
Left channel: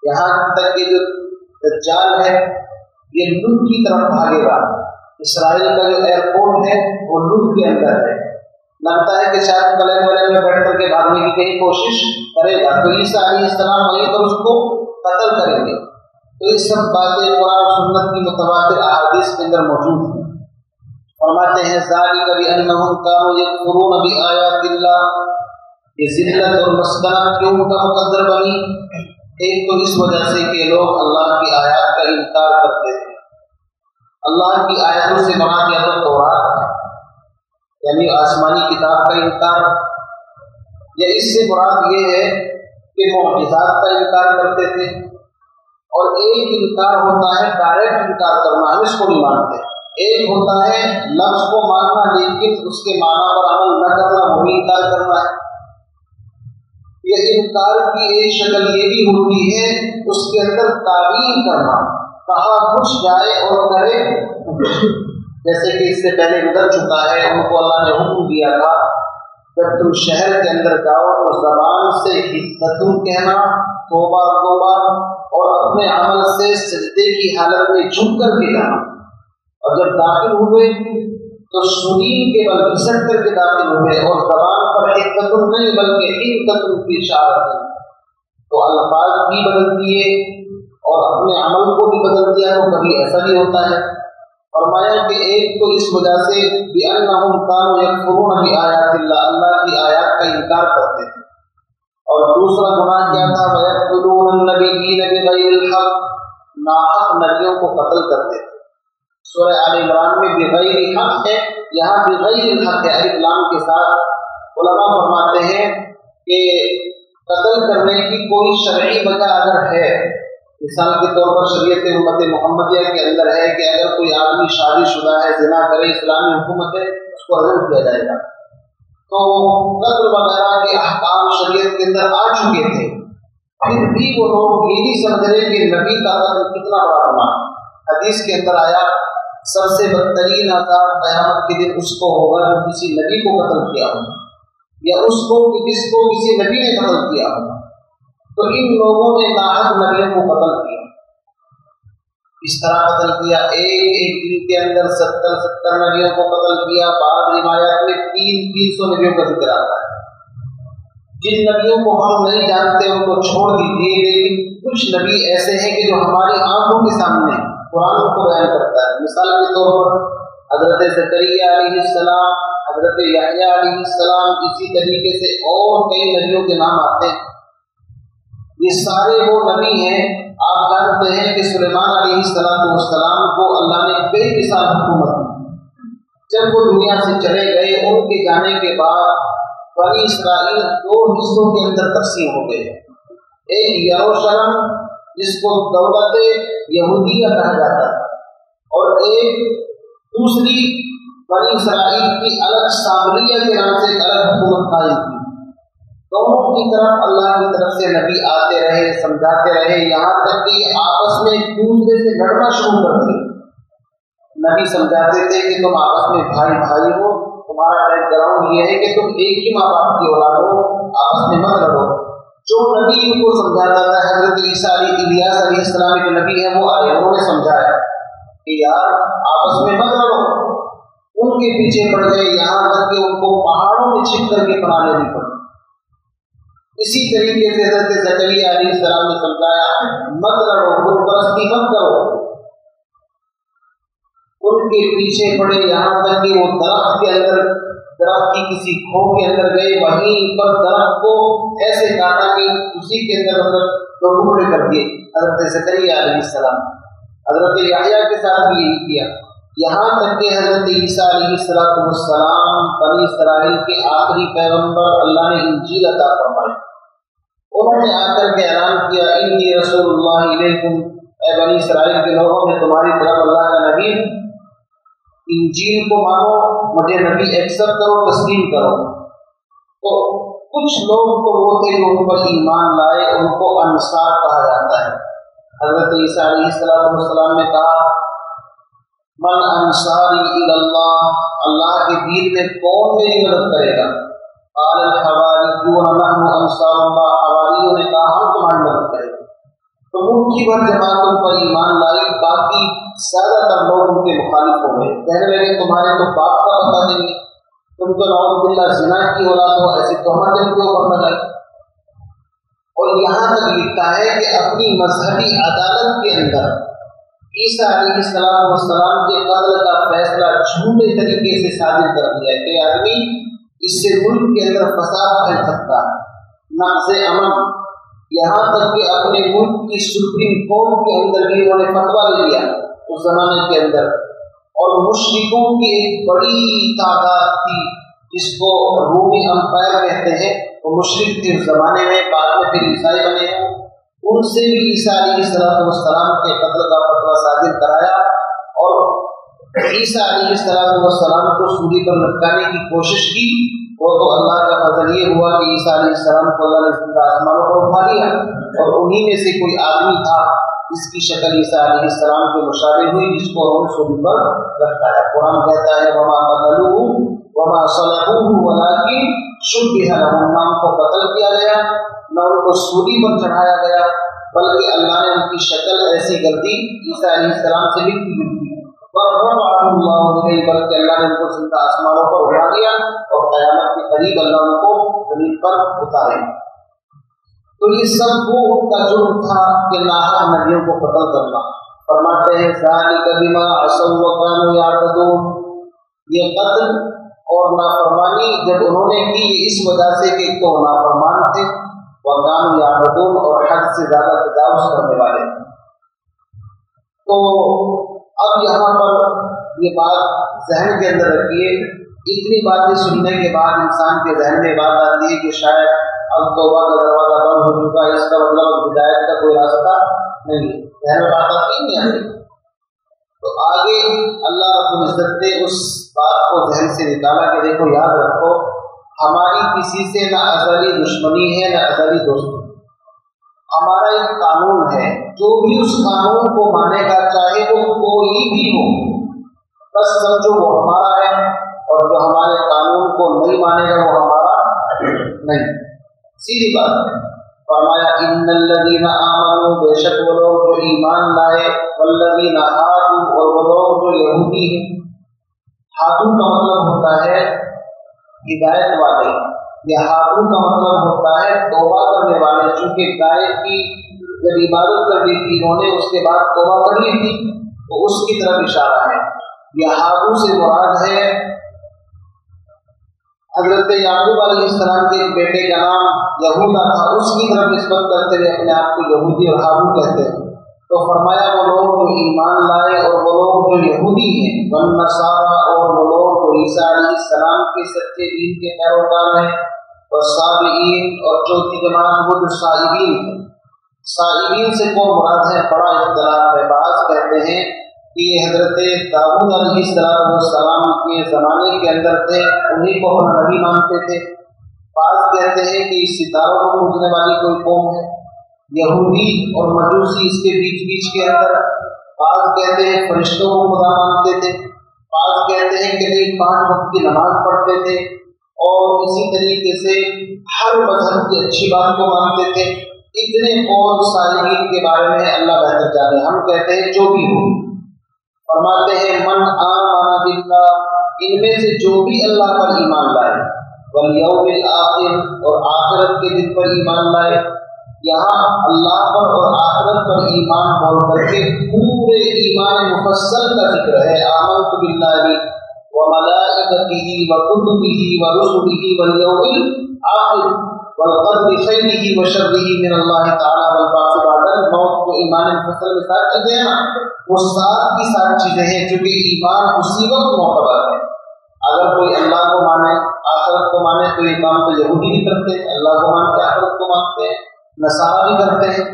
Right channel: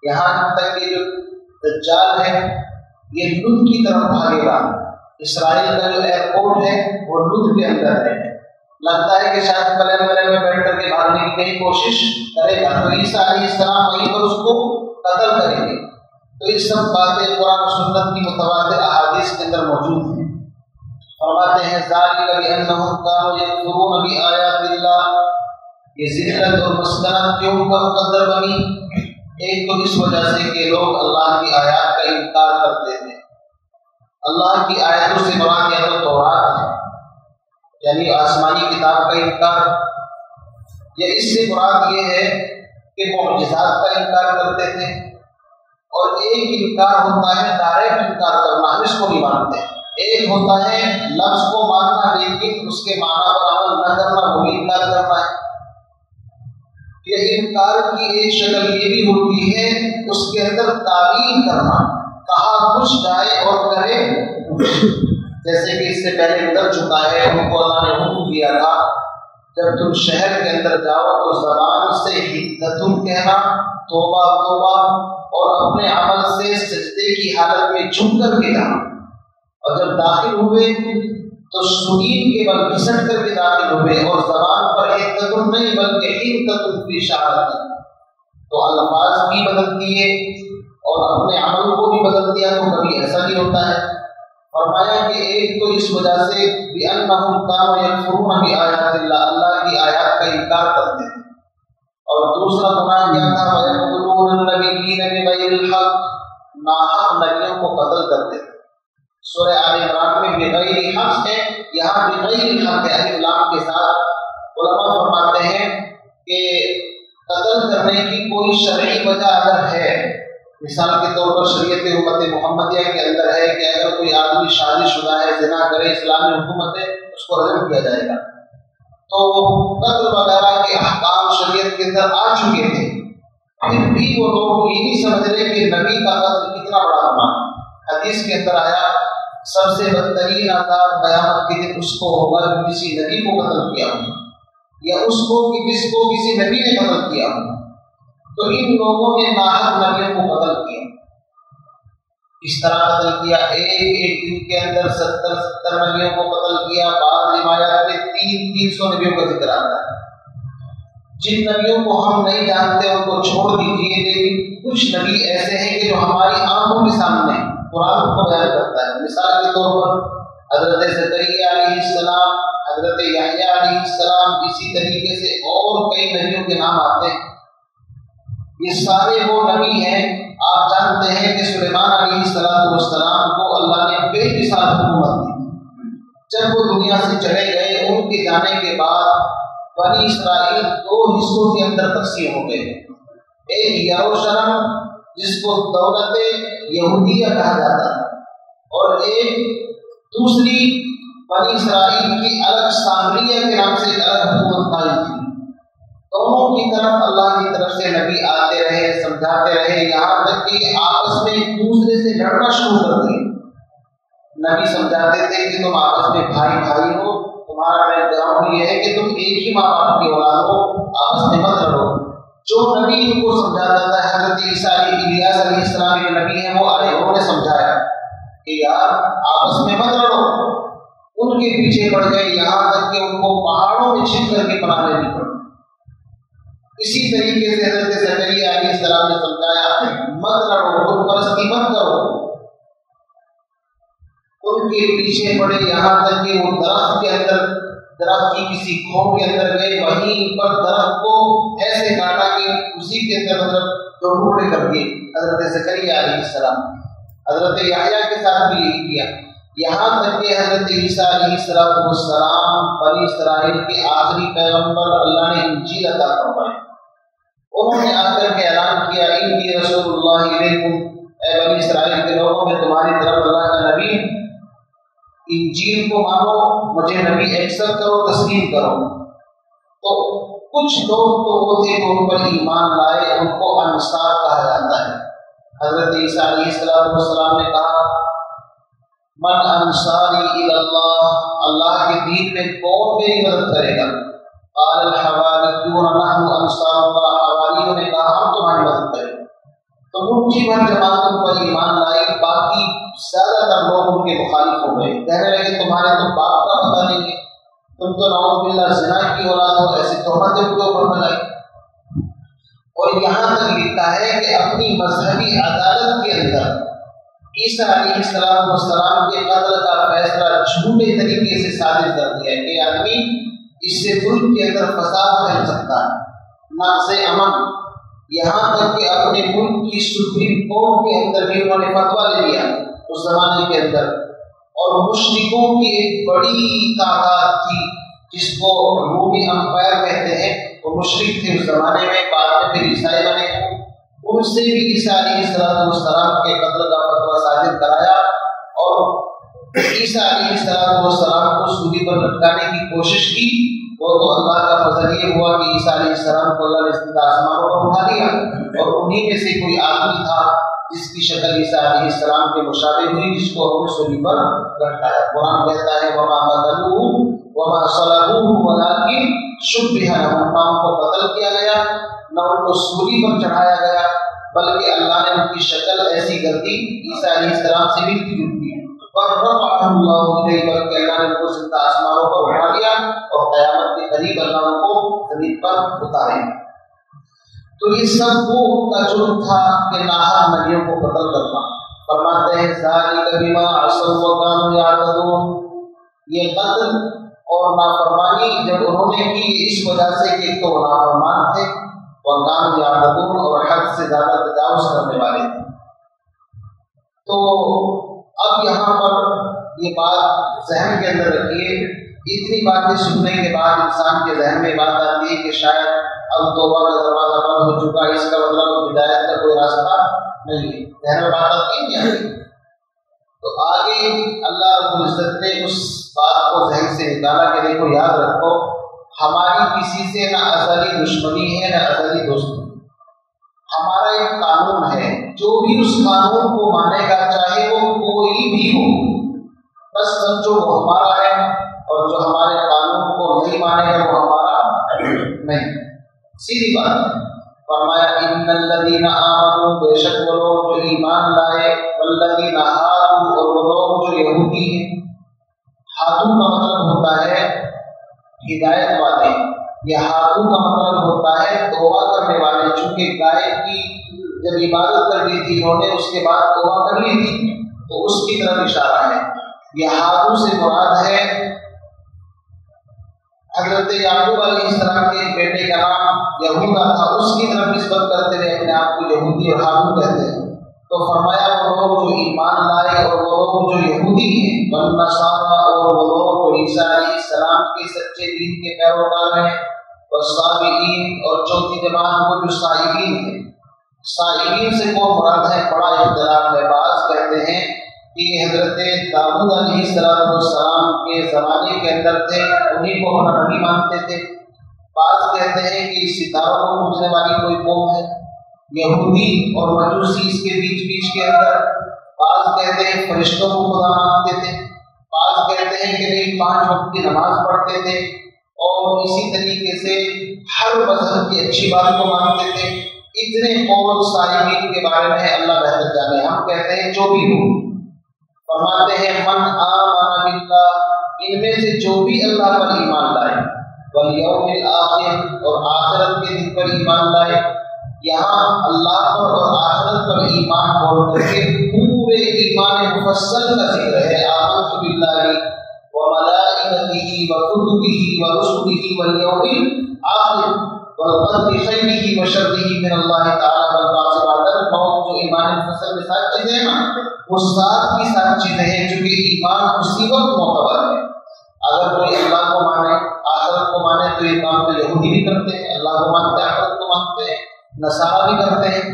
یہاں تک کہ جو دجال ہے یہ لط کی طرف بھاگے گا. اسرائیل کا جو ایئرپورٹ ہے وہ لط کے اندر ہے. لگتا ہے کہ شاید پلین ولین میں بیٹھ کر کے بھاگنے کی کہیں کوشش کرے گا، تو عیسیٰ علیہ السلام وہیں پر اس کو قتل کریں گے. تو یہ سب باتیں قرآن و سنت کی متواتر احادیث کے اندر موجود ہیں. فرماتے ہیں ذالک بانہم کانوا یکفرون بآیات اللہ. یہ ذلت اور مسکنت کیوں کا مقدر بنی؟ ایک تو اس وجہ سے کہ لوگ اللہ کی آیات کا انکار کرتے تھے. اللہ کی آیتوں سے مراد یا تو تورات ہے یعنی آسمانی کتاب کا انکار، یا اس سے مراد یہ ہے کہ معجزات کا انکار کرتے تھے. اور ایک انکار ہوتا ہے ڈائریکٹ انکار کرنا، ہم اس کو نہیں مانتے. ایک ہوتا ہے لفظ کو ماننا لیکن اس کے معنی پر عمل نہ کرنا، وہ بھی انکار کرنا ہے. یہ انکار کی ایک شکل یہ بھی ہوتی ہے اس کے اندر تعویل کرنا، کہا کچھ جائے اور کرے. جیسے کہ اس سے پہلے گزر چکا ہے، ان کو اللہ نے حکم دیا تھا جب تم شہر کے اندر جاؤ تو زبان سے حدتن کہنا، توبہ توبہ، اور اپنے عمل سے سجدے کی حالت میں جھک کر کے جانا. اور جب داخل ہوئے تو سنین کے بل گھسٹ کر کے داخل ہوئے اور زبان پر حدت نہیں بلکہ حدت فی اشارت، تو الفاظ بھی بدل دیے اور اپنے عمل کو بھی بدل دیا، تو کبھی ایسا بھی ہوتا ہے۔ فرمایا کہ ایک تو اس وجہ سے بِأَنَّهُمْ كَانُوا يَكْفُرُونَ بِآيَاتِ اللَّهِ، اللہ کی آیات کا انکار کرتے تھے، اور دوسرا گناہ کیا تھا وَيَقْتُلُونَ النَّبِيِّينَ بِغَيْرِ الْحَقِّ، ناحق نبیوں کو قتل کرتے تھے۔ سورہ آل عمران میں بغیر حق ہے، یہاں بغیر الحق ہے، الف لام کے ساتھ۔ علماء فرماتے ہیں کہ قتل کرنے کی کوئی شرعی وجہ اگر ہے، مثال کے طور پر شریعت امت محمدیہ کے اندر ہے کہ اگر کوئی آدمی شادی شدہ ہے، زنا کرے، اسلامی حکومت ہے، اس کو رجم کیا جائے گا، تو قتل وغیرہ کے احکام شریعت کے اندر آ چکے تھے، پھر بھی وہ لوگ یہ نہیں سمجھ رہے کہ نبی کا قتل کتنا بڑا گناہ۔ حدیث کے اندر آیا سب سے بدترین عذاب قیامت کے دن اس کو ہوگا جو کسی نبی کو قتل کیا ہو، یا اس کو کہ جس کو کسی نبی نے قتل کیا ہو۔ تو ان لوگوں نے ناحق نبیوں کو قتل کیا۔ اس طرح قتل کیا، ایک دن کے اندر 70 نبیوں کو قتل کیا۔ بعض روایات میں 300 نبیوں کا ذکر آتا ہے۔ جن نبیوں کو ہم نہیں جانتے ان کو چھوڑ دیجیے، لیکن کچھ نبی ایسے ہیں کہ جو ہماری آنکھوں کے سامنے قرآن کو بیان کرتا ہے۔ مثال کے طور پر حضرت زکریا علیہ السلام، حضرت یحییٰ علیہ السلام، اسی طریقے سے اور کئی نبیوں کے نام آتے ہیں۔ یہ سارے وہ نبی ہیں، آپ جانتے ہیں کہ سلیمان علیہ السلام کو اللہ نے کئی مثال حکومت دی۔ جب وہ دنیا سے چلے گئے، ان کے جانے کے بعد بنی اسرائیل 2 حصوں کے اندر تقسیم ہو گئے، ایک یروشلم جس کو دولت یہودیہ کہا جاتا ہے، اور ایک دوسری بنی اسرائیل کی الگ سامریہ کے نام سے الگ حکومت قائم تھی۔ دونوں کی طرف اللہ کی طرف سے نبی آتے رہے، سمجھاتے رہے، یہاں تک کہ یہ آپس میں ایک دوسرے سے لڑنا شروع کر دیے۔ نبی سمجھاتے تھے کہ تم آپس میں بھائی بھائی ہو، تمہارا بیک گراؤنڈ یہ ہے کہ تم ایک ہی ماں باپ کی اولاد ہو، آپس میں مت لڑو۔ جو نبی ان کو سمجھاتا تھا، حضرت عیسیٰ الیاس علیہ السلام کے نبی ہیں، وہ آئے، انہوں نے سمجھایا کہ یار آپس میں مت لڑو۔ ان کے پیچھے پڑ گئے، یہاں تک کہ ان کو پہاڑوں میں چھپ کر کے پناہ لینی پڑی۔ اسی طریقے سے حضرت زکریا علیہ السلام نے سمجھایا مت لڑو، بت پرستی مت کرو۔ ان کے پیچھے پڑے، یہاں تک کہ وہ درخت کے اندر، درخت کی کسی کھو کے اندر گئے، وہیں پر درخت کو ایسے کاٹا کہ اسی کے اندر دو ٹکڑے کر دیے حضرت زکریا علیہ السلام۔ حضرت یحییٰ کے ساتھ بھی یہی کیا، یہاں تک کہ حضرت عیسیٰ علیہ السلام بنی اسرائیل کے آخری پیغمبر، اللہ نے انجیل عطا فرمائی، انہوں نے آ کر کے اعلان کیا انی رسول اللہ علیکم، اے بنی اسرائیل کے لوگوں میں تمہاری طرف اللہ کا نبی، انجیل کو مانو، مجھے نبی ایکسپٹ کرو، تسلیم کرو۔ تو کچھ لوگ تو وہ تھے جو ان پر ایمان لائے، ان کو انصار کہا جاتا ہے۔ حضرت عیسیٰ علیہ السلام نے کہا من انصاری الی اللہ، اللہ کے دین میں کون میری مدد کرے گا؟ قال الحواریون نحن انصار اللہ، حواریوں نے کہا ہم تمہاری مدد کریں گے۔ تو مٹھی بھر جماعت ان پر ایمان لائی، باقی زیادہ تر لوگ ان کے مخالف ہو گئے، کہنے لگے تمہارے تو باپ کا پتہ نہیں ہے، تم تو نعوذ باللہ زنا کی اولاد ہو، ایسی تہمتیں ان کے اوپر لگائی۔ اور یہاں تک لکھا ہے کہ اپنی مذہبی عدالت کے اندر عیسیٰ علیہ السلام کے قتل کا فیصلہ جھوٹے طریقے سے صادر کر دیا کہ آدمی اس سے ملک کے اندر فساد پھیل سکتا ہے، نقض امن، یہاں تک کہ اپنے ملک کی سپریم کورٹ کے اندر بھی انہوں نے فتویٰ لے لیا اس زمانے کے اندر۔ اور مشرکوں کی ایک بڑی تعداد تھی جس کو رومی امپائر کہتے ہیں، وہ مشرک تھے اس زمانے میں، بعد میں پھر عیسائی بنے، ان سے بھی عیسیٰ علیہ السلام کے قتل کا فتویٰ صادر کرایا، اور عیسیٰ علیہ السلام کو سولی پر لٹکانے کی کوشش کی۔ وہ تو اللہ کا فضل یہ ہوا کہ عیسیٰ علیہ السلام کو اللہ نے زندہ آسمانوں پر اٹھا لیا، اور انہی میں سے کوئی آدمی تھا جس کی شکل عیسیٰ علیہ السلام کے مشابہ ہوئی، جس کو انہوں نے سولی پر لٹکایا۔ قرآن کہتا ہے وما قتلوہ وما صلبوہ ولکن شبہ لہم، نہ ان کو قتل کیا گیا نہ ان کو سولی پر چڑھایا گیا، بلکہ اللہ نے ان کی شکل ایسی کر دی عیسیٰ علیہ السلام سے ملتی جلتی ہے۔ فرفعه الله إليه، بلکہ اللہ نے ان کو زندہ آسمانوں پر اٹھا لیا اور قیامت کے قریب اللہ ان کو زمین پر اتارے گا۔ تو یہ سب وہ کا جرم تھا کہ ناحق نبیوں کو قتل کرنا۔ فرماتے ہیں ذالک بما عصوا وكانوا يعتدون، یہ قتل اور نافرمانی جب انہوں نے کی اس وجہ سے کہ تو نافرمان تھے، وكانوا يعتدون اور حد سے زیادہ تجاوز کرنے والے تھے۔ تو اب یہاں پر یہ بات ذہن کے اندر رکھیے، اتنی باتیں سننے کے بعد انسان کے ذہن میں بات آتی ہے کہ شاید اب توبہ کا دروازہ بند ہو چکا ہے، اس کا مطلب ہدایت کا کوئی راستہ نہیں ہے، ذہن میں بات آتی ہے نہیں آتی؟ تو آگے اللہ رب العزت نے اس بات کو ذہن سے نکالا کہ دیکھو یاد رکھو ہماری کسی سے نہ ازلی دشمنی ہے نہ ازلی دوستی، ہمارا ایک قانون ہے، جو بھی اس قانون کو مانے گا چاہے وہ کوئی بھی ہو، بس سمجھو وہ ہمارا ہے، اور جو ہمارے قانون کو نہیں مانے گا وہ ہمارا نہیں، سیدھی بات ہے۔ فرمایا ان الذین آمنوا، بے شک وہ لوگ جو ایمان لائے، والذین ہادوا اور وہ لوگ جو یہودی ہیں، ہادو کا مطلب ہوتا ہے ہدایت والے، یا ہادو کا مطلب ہوتا ہے توبہ کرنے والے، چونکہ گائے کی جب عبادت کر لی تھی انہوں نے اس کے بعد توبہ کر لی تھی تو اس کی طرف اشارہ ہے۔ یہ ہادو سے مراد ہے حضرت یعقوب علیہ السلام کے ایک بیٹے کا نام یہودا تھا، اس کی طرف نسبت کرتے ہوئے اپنے آپ کو یہودی اور ہادو کہتے ہیں۔ تو فرمایا وہ لوگ جو ایمان لائے اور وہ لوگ جو یہودی ہیں، والنصارى اور وہ لوگ جو عیسیٰ علیہ السلام کے سچے دین کے پیروکار ہیں، والصابئین اور چوتھی جماعت وہ جو صائبین ہیں۔ صائبین سے کو مراد ہے بڑا اختلاف ہے، بعض کہتے ہیں کہ یہ حضرت داؤد علیہ السلام کے زمانے کے اندر تھے، انہیں کو اپنا نبی مانتے تھے۔ بعض کہتے ہیں کہ اس ستاروں کو پوجنے والی کوئی قوم ہے، یہودی اور مجوسی اس کے بیچ کے اندر۔ بعض کہتے ہیں فرشتوں کو خدا مانتے تھے، بعض کہتے ہیں کہ 5 وقت کی نماز پڑھتے تھے، اور اسی طریقے سے ہر مذہب کی اچھی بات کو مانتے تھے۔ اتنے قول صالحین کے بارے میں اللہ بہتر جانے، ہم کہتے ہیں جو بھی ہو۔ فرماتے ہیں من آمن باللہ، ان میں سے جو بھی اللہ پر ایمان لائے، والیوم الآخر اور آخرت کے دن پر ایمان لائے۔ یہاں اللہ پر اور آخرت پر ایمان بول کر کے پورے ایمان مفصل کا ذکر ہے۔ آمنت باللہ وملائکتہ وکتبہ ورسلہ والیوم الآخر والقدر خیرہ وشرہ من اللہ تعالی والبعث بعد الموت۔ جو ایمان مفصل میں 7 چیزیں ہیں نا، وہ 7 کی 7 چیزیں ہیں، چونکہ ایمان اسی وقت معتبر ہے۔ اگر کوئی اللہ کو مانے آخرت کو مانے تو یہ کام تو یہودی بھی کرتے ہیں، اللہ کو مانتے آخرت کو مانتے ہیں، نصارہ بھی کرتے ہیں،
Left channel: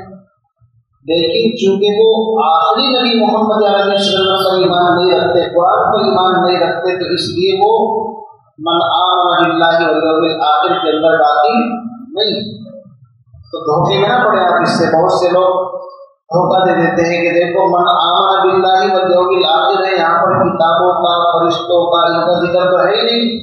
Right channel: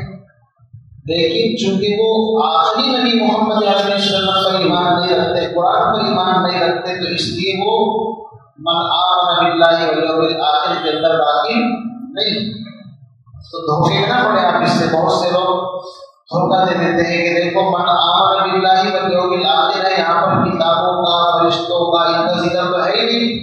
لیکن چونکہ وہ آخری نبی محمد عربی صلی اللہ علیہ وسلم پر ایمان نہیں رکھتے، قرآن پر ایمان نہیں رکھتے، تو اس لیے وہ من آمن باللہ والیوم الآخر کے اندر داخل نہیں۔ تو دھوکے نہ پڑے آپ اس سے، بہت سے لوگ دھوکہ دے دیتے ہیں کہ دیکھو من آمن باللہ والیوم الآخر ہے، یہاں پر کتابوں کا فرشتوں کا ان کا ذکر تو ہے ہی نہیں۔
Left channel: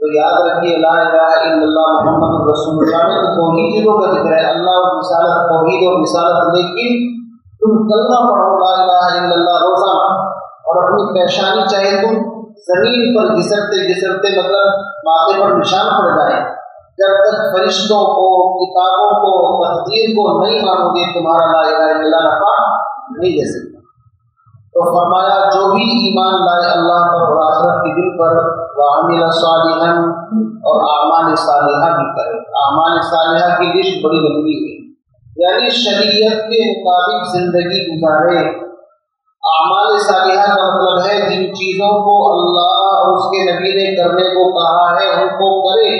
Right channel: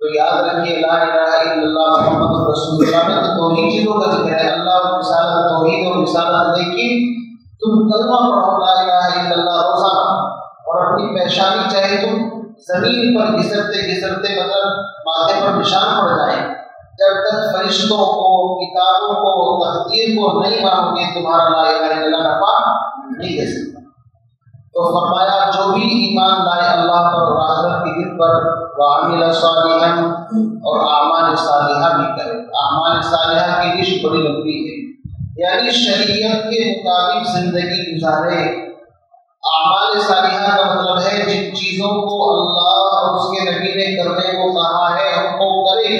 تو یاد رکھیے لا الہ الا اللہ محمد رسول اللہ میں تو 2 ہی چیزوں کا ذکر ہے، اللہ اور رسالت، توحید اور رسالت، لیکن تم کلمہ پڑھو لا الہ الا اللہ روزانہ، اور اپنی پیشانی چاہے تم زمین پر گھسرتے مطلب ماتھے پر نشان پڑ جائیں، جب تک فرشتوں کو، کتابوں کو، تقدیر کو نہیں مانو گے تمہارا لا الہ الا اللہ نفع نہیں دے سکتا۔ تو فرمایا جو بھی ایمان لائے اللہ پر اور آخرت کے دن پر، وعمل صالحا اور اعمال صالحہ بھی کرے۔ اعمال صالحہ کی لسٹ بڑی لمبی ہے، یعنی شریعت کے مطابق زندگی گزارے۔ اعمال صالحہ کا مطلب ہے جن چیزوں کو اللہ اور اس کے نبی نے کرنے کو کہا ہے ان کو کرے،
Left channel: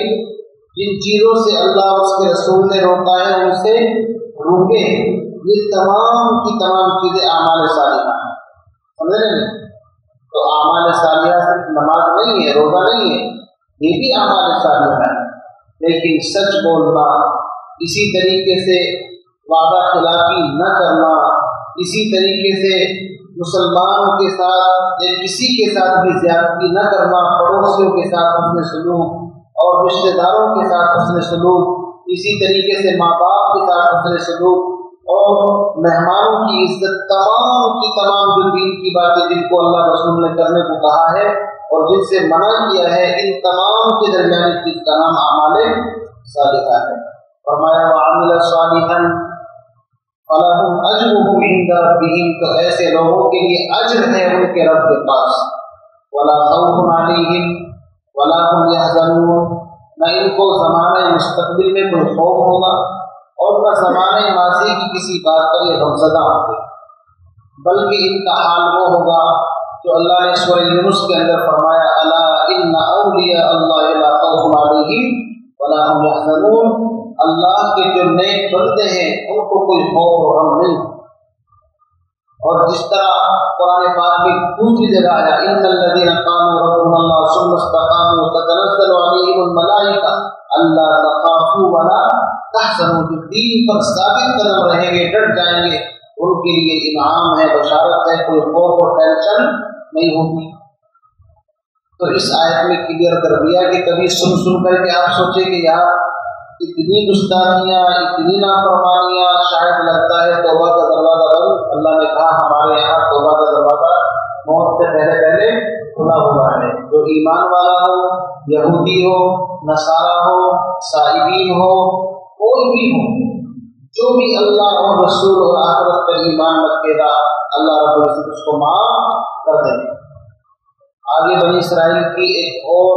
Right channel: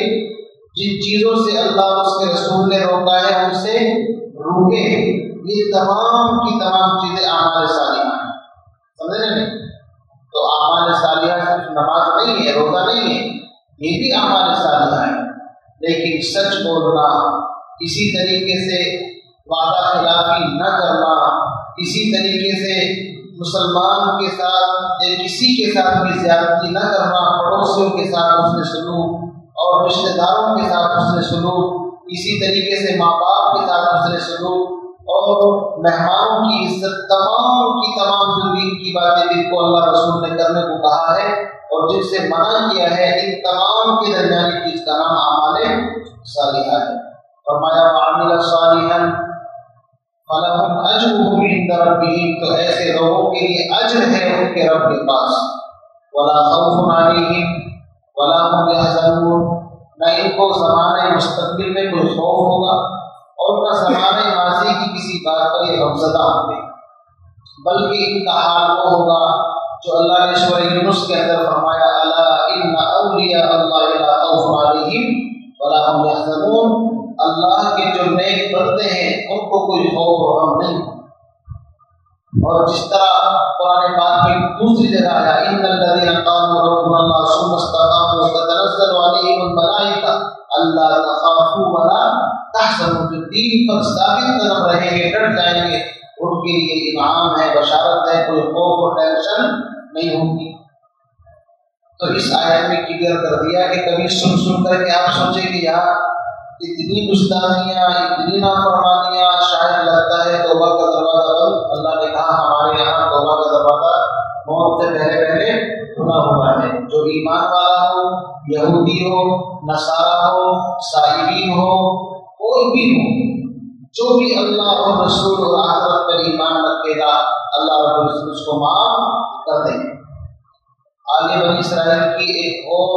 جن چیزوں سے اللہ اور اس کے رسول نے روکا ہے ان سے روکے۔ یہ تمام کی تمام چیزیں اعمال صالحہ ہیں، سمجھ رہے ہیں؟ تو اعمال صالحہ صرف نماز نہیں ہے، روزہ نہیں ہے، یہ بھی اعمال صالحہ ہے، لیکن سچ بولنا، اسی طریقے سے وعدہ خلافی نہ کرنا، اسی طریقے سے مسلمان کے ساتھ یا کسی کے ساتھ بھی زیادتی نہ کرنا، پڑوسیوں کے ساتھ حسن سلوک اور رشتہ داروں کے ساتھ حسن سلوک، اسی طریقے سے ماں باپ کے ساتھ حسن سلوک، اور مہمانوں کی عزت، تمام کی تمام جو دین کی باتیں جن کو اللہ رسول نے کرنے کو کہا ہے اور جن سے منع کیا ہے، ان تمام کے درمیان چیز کا نام اعمال صالحہ ہے۔ فرمایا وعمل صالحا فلہم اجرہم عند ربہم، تو ایسے لوگوں کے لیے اجر ہے ان کے رب کے پاس۔ ولا خوف علیہم ولا هم یحزنون، نہ ان کو زمانہ مستقبل میں کوئی خوف ہوگا اور نہ زمانہ ماضی کی کسی بات پر یہ غمزدہ ہوں گے، بلکہ ان کا حال وہ ہوگا جو اللہ نے سورہ یونس کے اندر فرمایا الا ان اولیاء اللہ لا خوف علیہم ولا هم یحزنون، اللہ کے جو نیک بندے ہیں ان کو کوئی خوف اور غم نہیں۔ اور جس طرح قرآن پاک میں دوسری جگہ آیا ان الذین قالوا ربنا اللہ ثم استقاموا تتنزل علیہم الملائکہ الا تخافوا ولا تحزنوا، جو دین پر ثابت قدم رہیں گے، ڈٹ جائیں گے، ان کے لیے انعام ہے، بشارت ہے، کوئی خوف اور ٹینشن نہیں ہوگی۔ تو اس آیت میں کلیئر کر دیا کہ کبھی سن کر کے آپ سوچیں کہ یار اتنی گستاخیاں، اتنی نافرمانیاں، شاید لگتا ہے توبہ کا دروازہ بند۔ اللہ نے کہا ہمارے یہاں توبہ کا دروازہ موت سے پہلے کھلا ہوا ہے۔ جو ایمان والا ہو، یہودی ہو، نصارہ ہو، صائبین ہو، کوئی بھی ہو، جو بھی اللہ اور رسول اور آخرت پر ایمان رکھے گا، اللہ رب العزت اس کو معاف کر دیں گے۔ آگے بنی اسرائیل کی ایک اور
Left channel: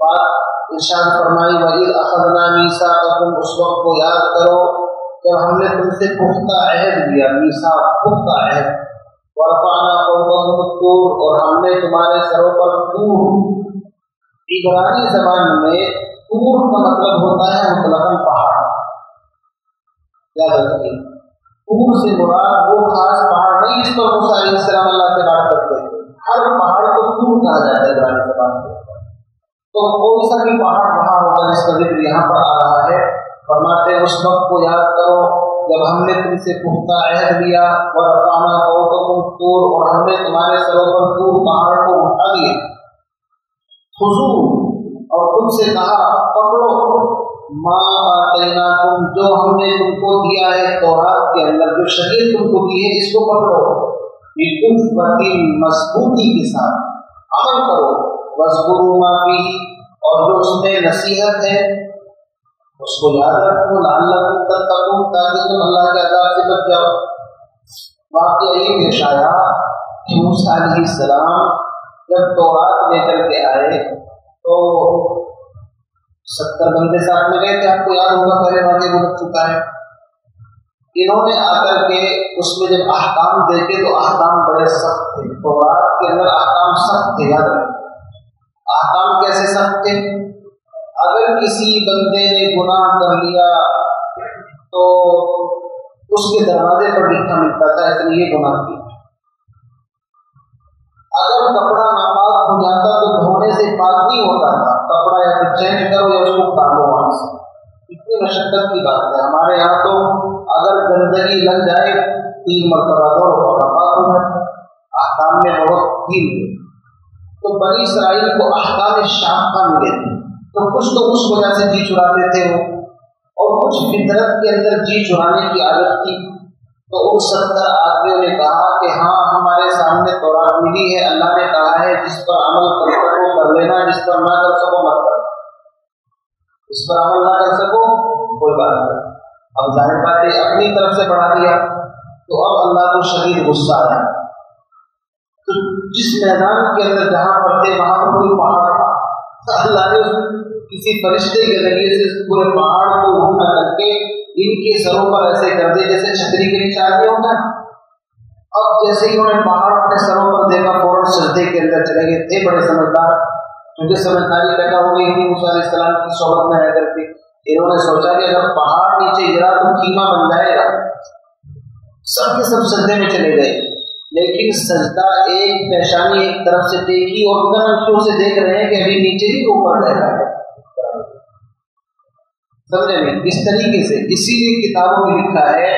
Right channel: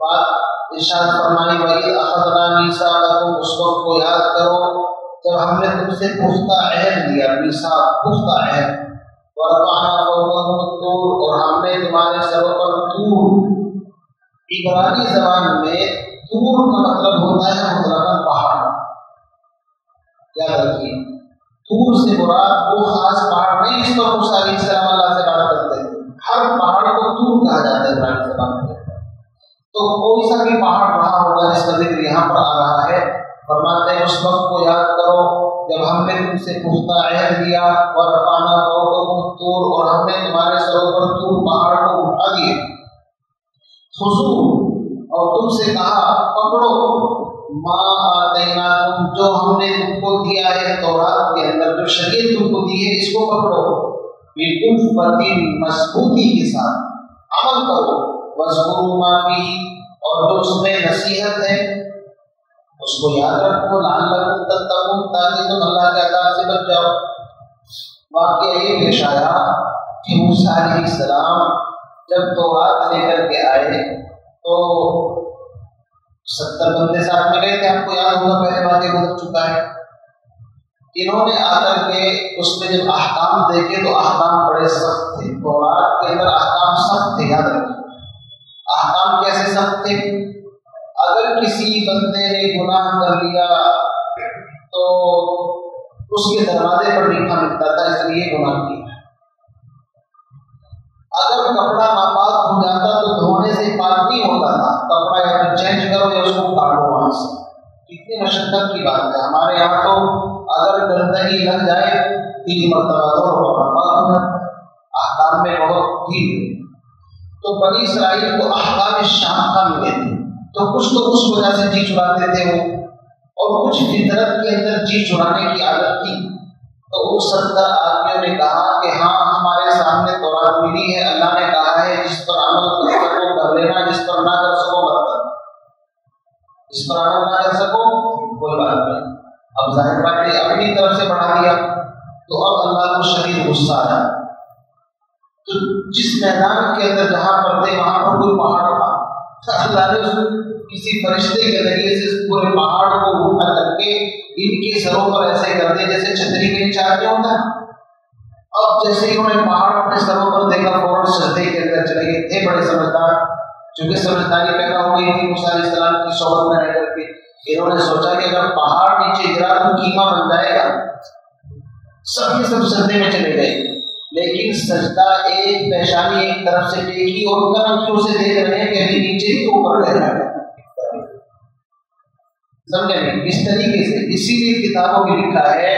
بات ارشاد فرمائی وَإِذْ أَخَذْنَا مِيثَاقَكُمْ، اس وقت کو یاد کرو جب ہم نے تم سے پختہ عہد لیا، میثاق پختہ عہد، وَرَفَعْنَا فَوْقَكُمُ الطُّورَ، اور ہم نے تمہارے سروں پر طور، عبرانی زبان میں طور کا مطلب ہوتا ہے مطلقاً پہاڑ۔ یاد رکھیے طور سے مراد وہ خاص پہاڑ نہیں جس پر موسیٰ علیہ السلام اللہ سے بات کرتے تھے، ہر پہاڑ کو طور کہا جاتا ہے عبرانی زبان میں۔ تو کوئی سا بھی پہاڑ رہا ہوگا جس کا ذکر یہاں پر آ رہا ہے، فرماتے ہیں اس وقت کو یاد کرو جب ہم نے تم سے پختہ عہد لیا، وَرَفَعْنَا فَوْقَكُمُ الطُّورَ، اور ہم نے تمہارے سروں پر طور پہاڑ کو اٹھا دیے، خُذُوا، اور تم سے کہا پکڑو، مَا آتَيْنَاكُمْ، جو ہم نے تم کو دیا ہے تورات کے اندر، جو شریعت تم کو دی ہے اس کو پکڑو، بِقُوَّةٍ، مضبوطی کے ساتھ عمل کرو، وَاذْكُرُوا مَا فِيهِ، اور جو اس میں نصیحت ہے اس کو یاد رکھو، لعلکم تتقون، تاکہ تم اللہ کے عذاب سے بچ جاؤ۔ واقعہ یہ پیش آیا کہ موسیٰ علیہ السلام جب تورات لے کر کے آئے تو 70 بندے ساتھ میں گئے تھے، آپ کو یاد ہوگا، پہلے واقعہ گزر چکا ہے۔ انہوں نے آ کر کے اس میں جب احکام دیکھے تو احکام بڑے سخت تھے، تورات کے اندر احکام سخت تھے، یاد رکھیں۔ احکام کیسے سخت تھے؟ اگر کسی بندے نے گناہ کر لیا تو اس کے دروازے پر لکھا ملتا تھا اس نے یہ گناہ کیا۔ اگر کپڑا ناپاک ہو جاتا تو دھونے سے پاک نہیں ہوتا تھا، کپڑا یا تو چینج کرو یا اس کو کاٹو وہاں سے۔ کتنی مشقت کی بات ہے، ہمارے یہاں تو اگر گندگی لگ جائے 3 مرتبہ دھو کپڑا پاک ہو جاتا ہے، احکام میں بہت ڈھیل ہے۔ تو بنی اسرائیل کو احکام شاقہ ملے تھے، تو کچھ تو اس وجہ سے جی چراتے تھے وہ، اور کچھ فطرت کے اندر جی چرانے کی عادت تھی۔ تو ان 70 آدمیوں نے کہا کہ ہاں ہمارے سامنے تورات ملی ہے، اللہ نے کہا ہے جس پر عمل کر سکو کر لینا، جس پر نہ کر سکو مت کر، جس پر عمل نہ کر سکو کوئی بات نہیں۔ اب ظاہر بات ہے اپنی طرف سے بڑھا دیا تو اب اللہ کو شدید غصہ آیا۔ تو جس میدان کے اندر جہاں پر تھے وہاں پر کوئی پہاڑ تھا، اللہ نے کسی فرشتے کے ذریعے سے اس پورے پہاڑ کو اٹھا کر کے ان کے سروں پر ایسے کر دے جیسے چھتری کے نیچے آگے ہوتا ہے۔ اب جیسے ہی انہوں نے پہاڑ اپنے سروں پر دیکھا فوراً سجدے کے اندر چلے گئے، تھے بڑے سمجھدار، چونکہ سمجھداری پیدا ہو گئی تھی موسیٰ علیہ السلام کی صحبت میں رہ کر کے۔ انہوں نے سوچا کہ اگر پہاڑ نیچے گرا تو قیمہ بن جائے گا، سب کے سب سجدے میں چلے گئے۔ لیکن سجدہ ایک پیشانی ایک طرف سے ٹیکی اور کن آنکھوں سے دیکھ رہے ہیں کہ ابھی نیچے ہی اوپر رہا ہے، سمجھے نہیں؟ اس طریقے سے اسی لیے کتابوں میں لکھا ہے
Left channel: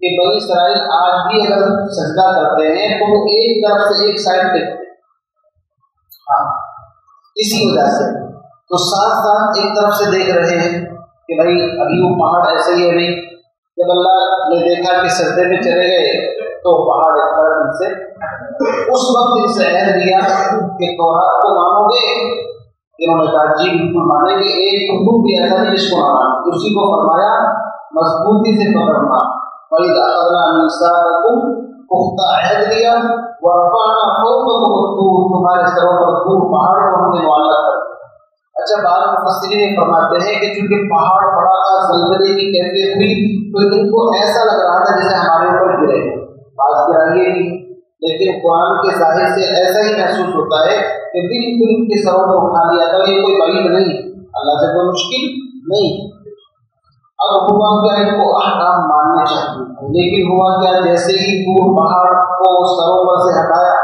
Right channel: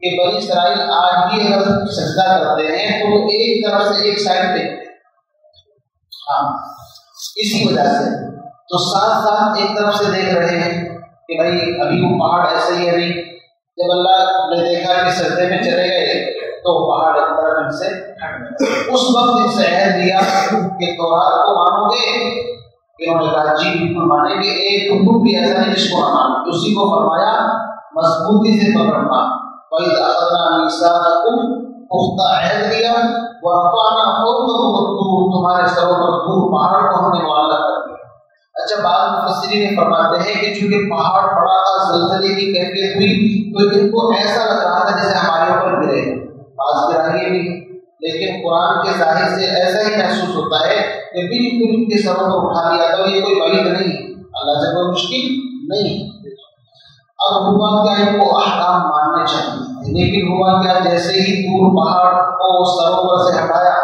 کہ بنی اسرائیل آج بھی اگر سجدہ کرتے ہیں تو وہ ایک طرف سے ایک سائڈ دیکھتے ہیں، ہاں اسی وجہ سے۔ تو ساتھ ساتھ ایک طرف سے دیکھ رہے ہیں کہ بھائی ابھی وہ پہاڑ ایسے ہی ہے نہیں، جب اللہ نے دیکھا کہ سجدے میں چلے گئے تو پہاڑ ایک طرف ان سے اس وقت ان سے عہد لیا کہ تورات کو مانو گے؟ انہوں نے کہا جی بالکل مانیں گے، ایک حکم بھی ایسا نہیں جس کو نہ مانے۔ اسی کو فرمایا مضبوطی سے پکڑنا، وَإِذْ أَخَذْنَا مِيثَاقَكُمْ، پختہ عہد لیا، وَرَفَعْنَا فَوْقَكُمُ الطُّورَ، تمہارے سروں پر طور پہاڑ کو ہم نے معلق کر دیا۔ اچھا، بعض مفسرین فرماتے ہیں کہ چونکہ پہاڑ پڑا تھا، زلزلے کی کیفیت ہوئی، تو ان کو ایسا لگ رہا تھا جیسے ہمارے اوپر گرے، بعض گرائیے بھی، لیکن قرآن کے ظاہر سے ایسا ہی محسوس ہوتا ہے کہ بالکل ان کے سروں پر اٹھا لیا تھا۔ یہ کوئی بعید نہیں، اللہ سے کوئی مشکل نہیں۔ اب ہوا کیا، ان کو احکام ماننے چاہیے، لیکن ہوا کیا، جیسے ہی دور پہاڑ کو سروں پر سے ہٹایا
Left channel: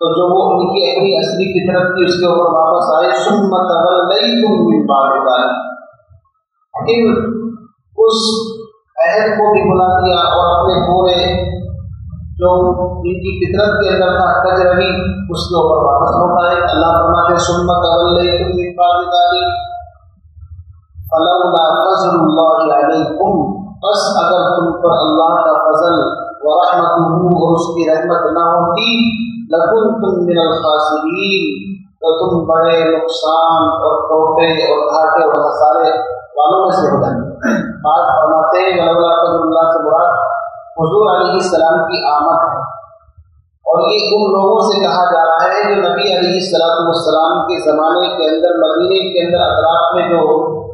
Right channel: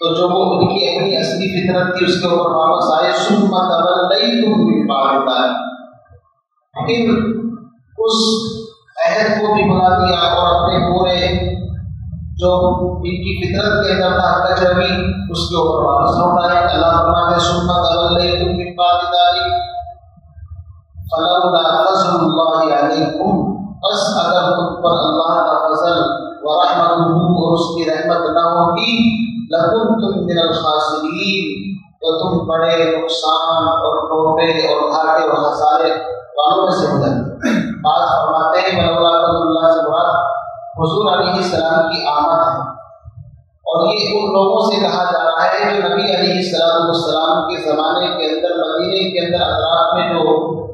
تو جو وہ ان کی اپنی اصلی فطرت تھی اس کے اوپر واپس آئے۔ ثم تولیتم من بعد ذلک، پھر اس عہد کو بھی بنا دیا اور اپنے پورے جو ان کی فطرت کے اندر تھا کجروی اس کے اوپر واپس لوٹ آئے۔ اللہ فرماتے ہیں ثم تولیتم من بعد ذلک فلولا فضل اللہ علیکم، بس اگر تم پر اللہ کا فضل ورحمتہ اور اس کی رحمت نہ ہوتی، لکنتم من الخاسرین، تو تم بڑے نقصان اور ٹوٹے اور گھاٹے اور خسارے والوں میں سے ہو جاتے۔ بعض فرماتے ہیں ولولا فضل اللہ سے مراد حضور علیہ السلام کی آمد ہے، اور یہ ان لوگوں سے کہا جا رہا ہے جو نبی علیہ السلام کے زمانے کے اندر مدینے کے اندر اطراف میں جو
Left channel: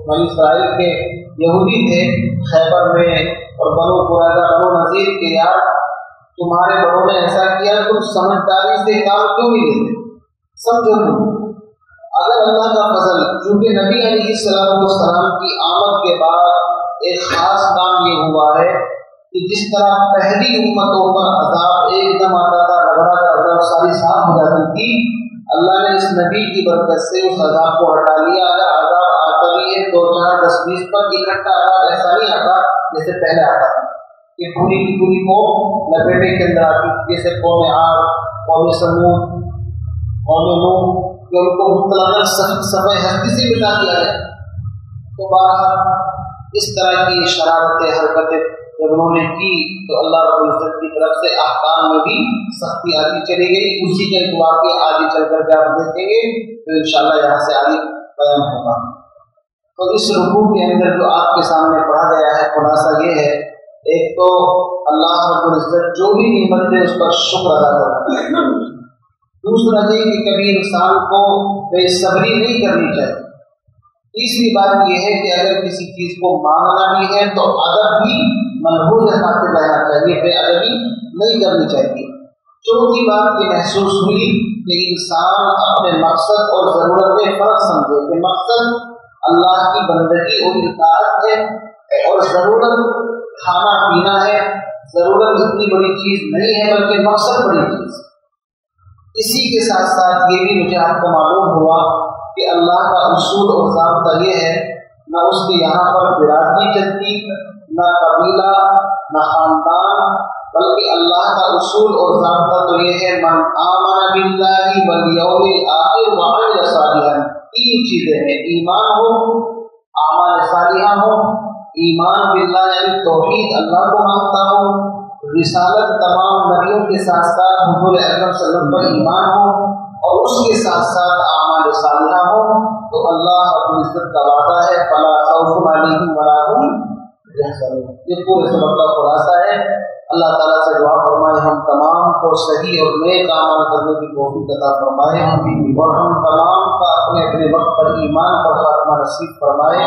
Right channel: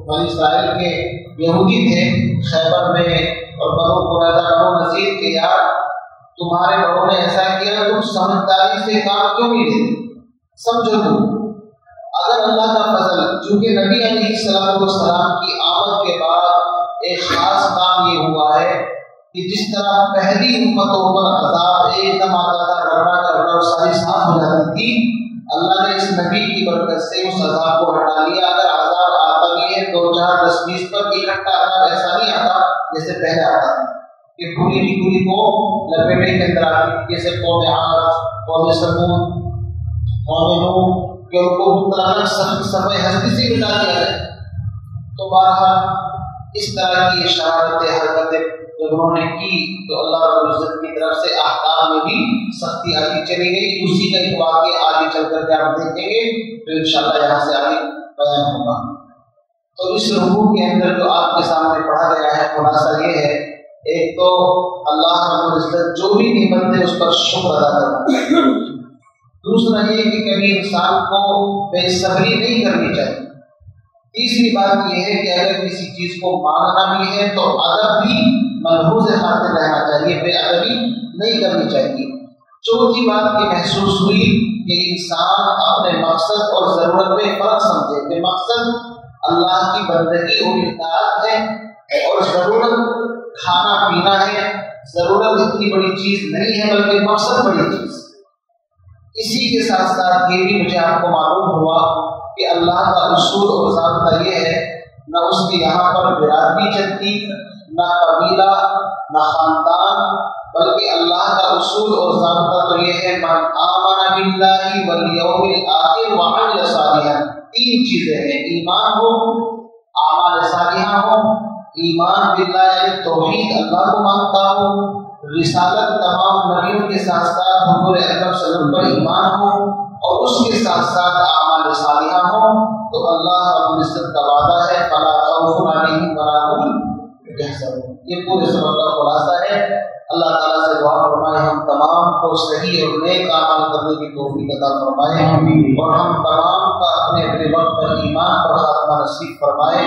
بنی اسرائیل کے یہودی تھے خیبر میں اور بنو قریظہ بنو نذیر کے، یار تمہارے بڑوں نے ایسا کیا، تم سمجھداری سے کام کیوں نہیں لیتے؟ سمجھو تم اگر اللہ کا فضل، چونکہ نبی علیہ السلام کی آمد کے بعد ایک خاص کام یہ ہوا ہے کہ جس طرح پہلی امتوں پر عذاب ایک دم آتا تھا، رگڑا کر رگڑ ساری صاف ہو جاتی تھی، اللہ نے اس نبی کی برکت سے اس عذاب کو ہٹا لیا۔ اگر عذاب آتا بھی ہے 2 4 10 20 پر اکٹھا عذاب ایسا نہیں آتا جیسے پہلے آتا تھا کہ پوری کی پوری قوم لپیٹے کے اندر آتی، جیسے قوم عاد، قوم سمود، قوم نوح، کہ ان کو مطلق صفحہ ہستی سے مٹا دیا گیا۔ تو بہرحال اس طرح کی شرارتیں حرکتیں جب انہوں نے کی تو اللہ رب العزت کی طرف سے احکام میں بھی سختی آتی چلی گئی۔ اسی کا ایک واقعہ آگے چل کر کے آپ دیکھیں گے تو انشاءاللہ یہاں سے آگے بیان ہوگا۔ تو اس رکوع کے اندر جو آپ کے سامنے پڑھا گیا ہے خلاصہ یہ ہے، ایک تو اللہ رب العزت جو بھی نعمت ہے اس پر شکر ادا کرنا، دوسرا یہ کہ کبھی انسان کو بے صبری نہیں کرنی چاہیے، تیسری بات یہ ہے کہ اگر کسی چیز کو مانگنا بھی ہے تو ادب بھی ملحوظ خاطر رہنا چاہیے، بے ادبی نہیں کرنی چاہیے۔ چوتھی بات یہ محسوس ہوئی کہ انسان اپنے مقصد اور ضرورت میں فرق سمجھے کہ مقصد اللہ کی بندگی اور اطاعت ہے اور ضرورت کھانا پینا ہے، ضرورت اتنی بڑی چیز نہیں ہے بلکہ مقصد بڑی چیز۔ اسی کے ساتھ ساتھ یہ بھی مجھے آپ کو معلوم ہوا کہ اللہ کا اصول اور ضابطہ یہ ہے، نہ اس کے یہاں پر برادری چلتی، نہ قبیلہ، نہ خاندان، بلکہ اللہ کا اصول اور ضابطہ تو یہ ہے من آمن باللہ والیوم الآخر وعمل صالحا۔ 3 چیزیں ہیں، ایمان ہو، اعمال صالحہ ہو، ایمان باللہ یعنی توحید اللہ کو مانتا ہو، رسالت تمام نبیوں کے ساتھ ساتھ حضور اکرم صلی اللہ علیہ وسلم پر ایمان ہو، اور اس کے ساتھ ساتھ اعمال صالحہ ہو، تو اللہ رب العزت کا وعدہ ہے فلا خوف علیہم ولا هم یحزنون۔ یہ پورے سبق کا خلاصہ ہے۔ اللہ تعالیٰ سے دعا فرمائے ہم تمام کو صحیح اور نیک عمل کرنے کی توفیق عطا فرمائے، اور ہم تمام کا اپنے اپنے وقت پر ایمان پر خاتمہ نصیب فرمائے۔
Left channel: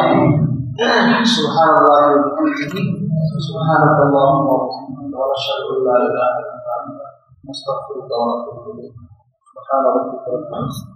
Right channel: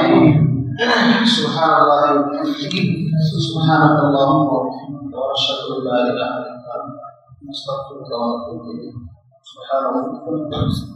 سبحان اللہ وبحمدہ، سبحانک اللہم وبحمدک، اشہد ان لا الہ الا انت، استغفرک واتوب الیک۔ سبحان ربک رب العزت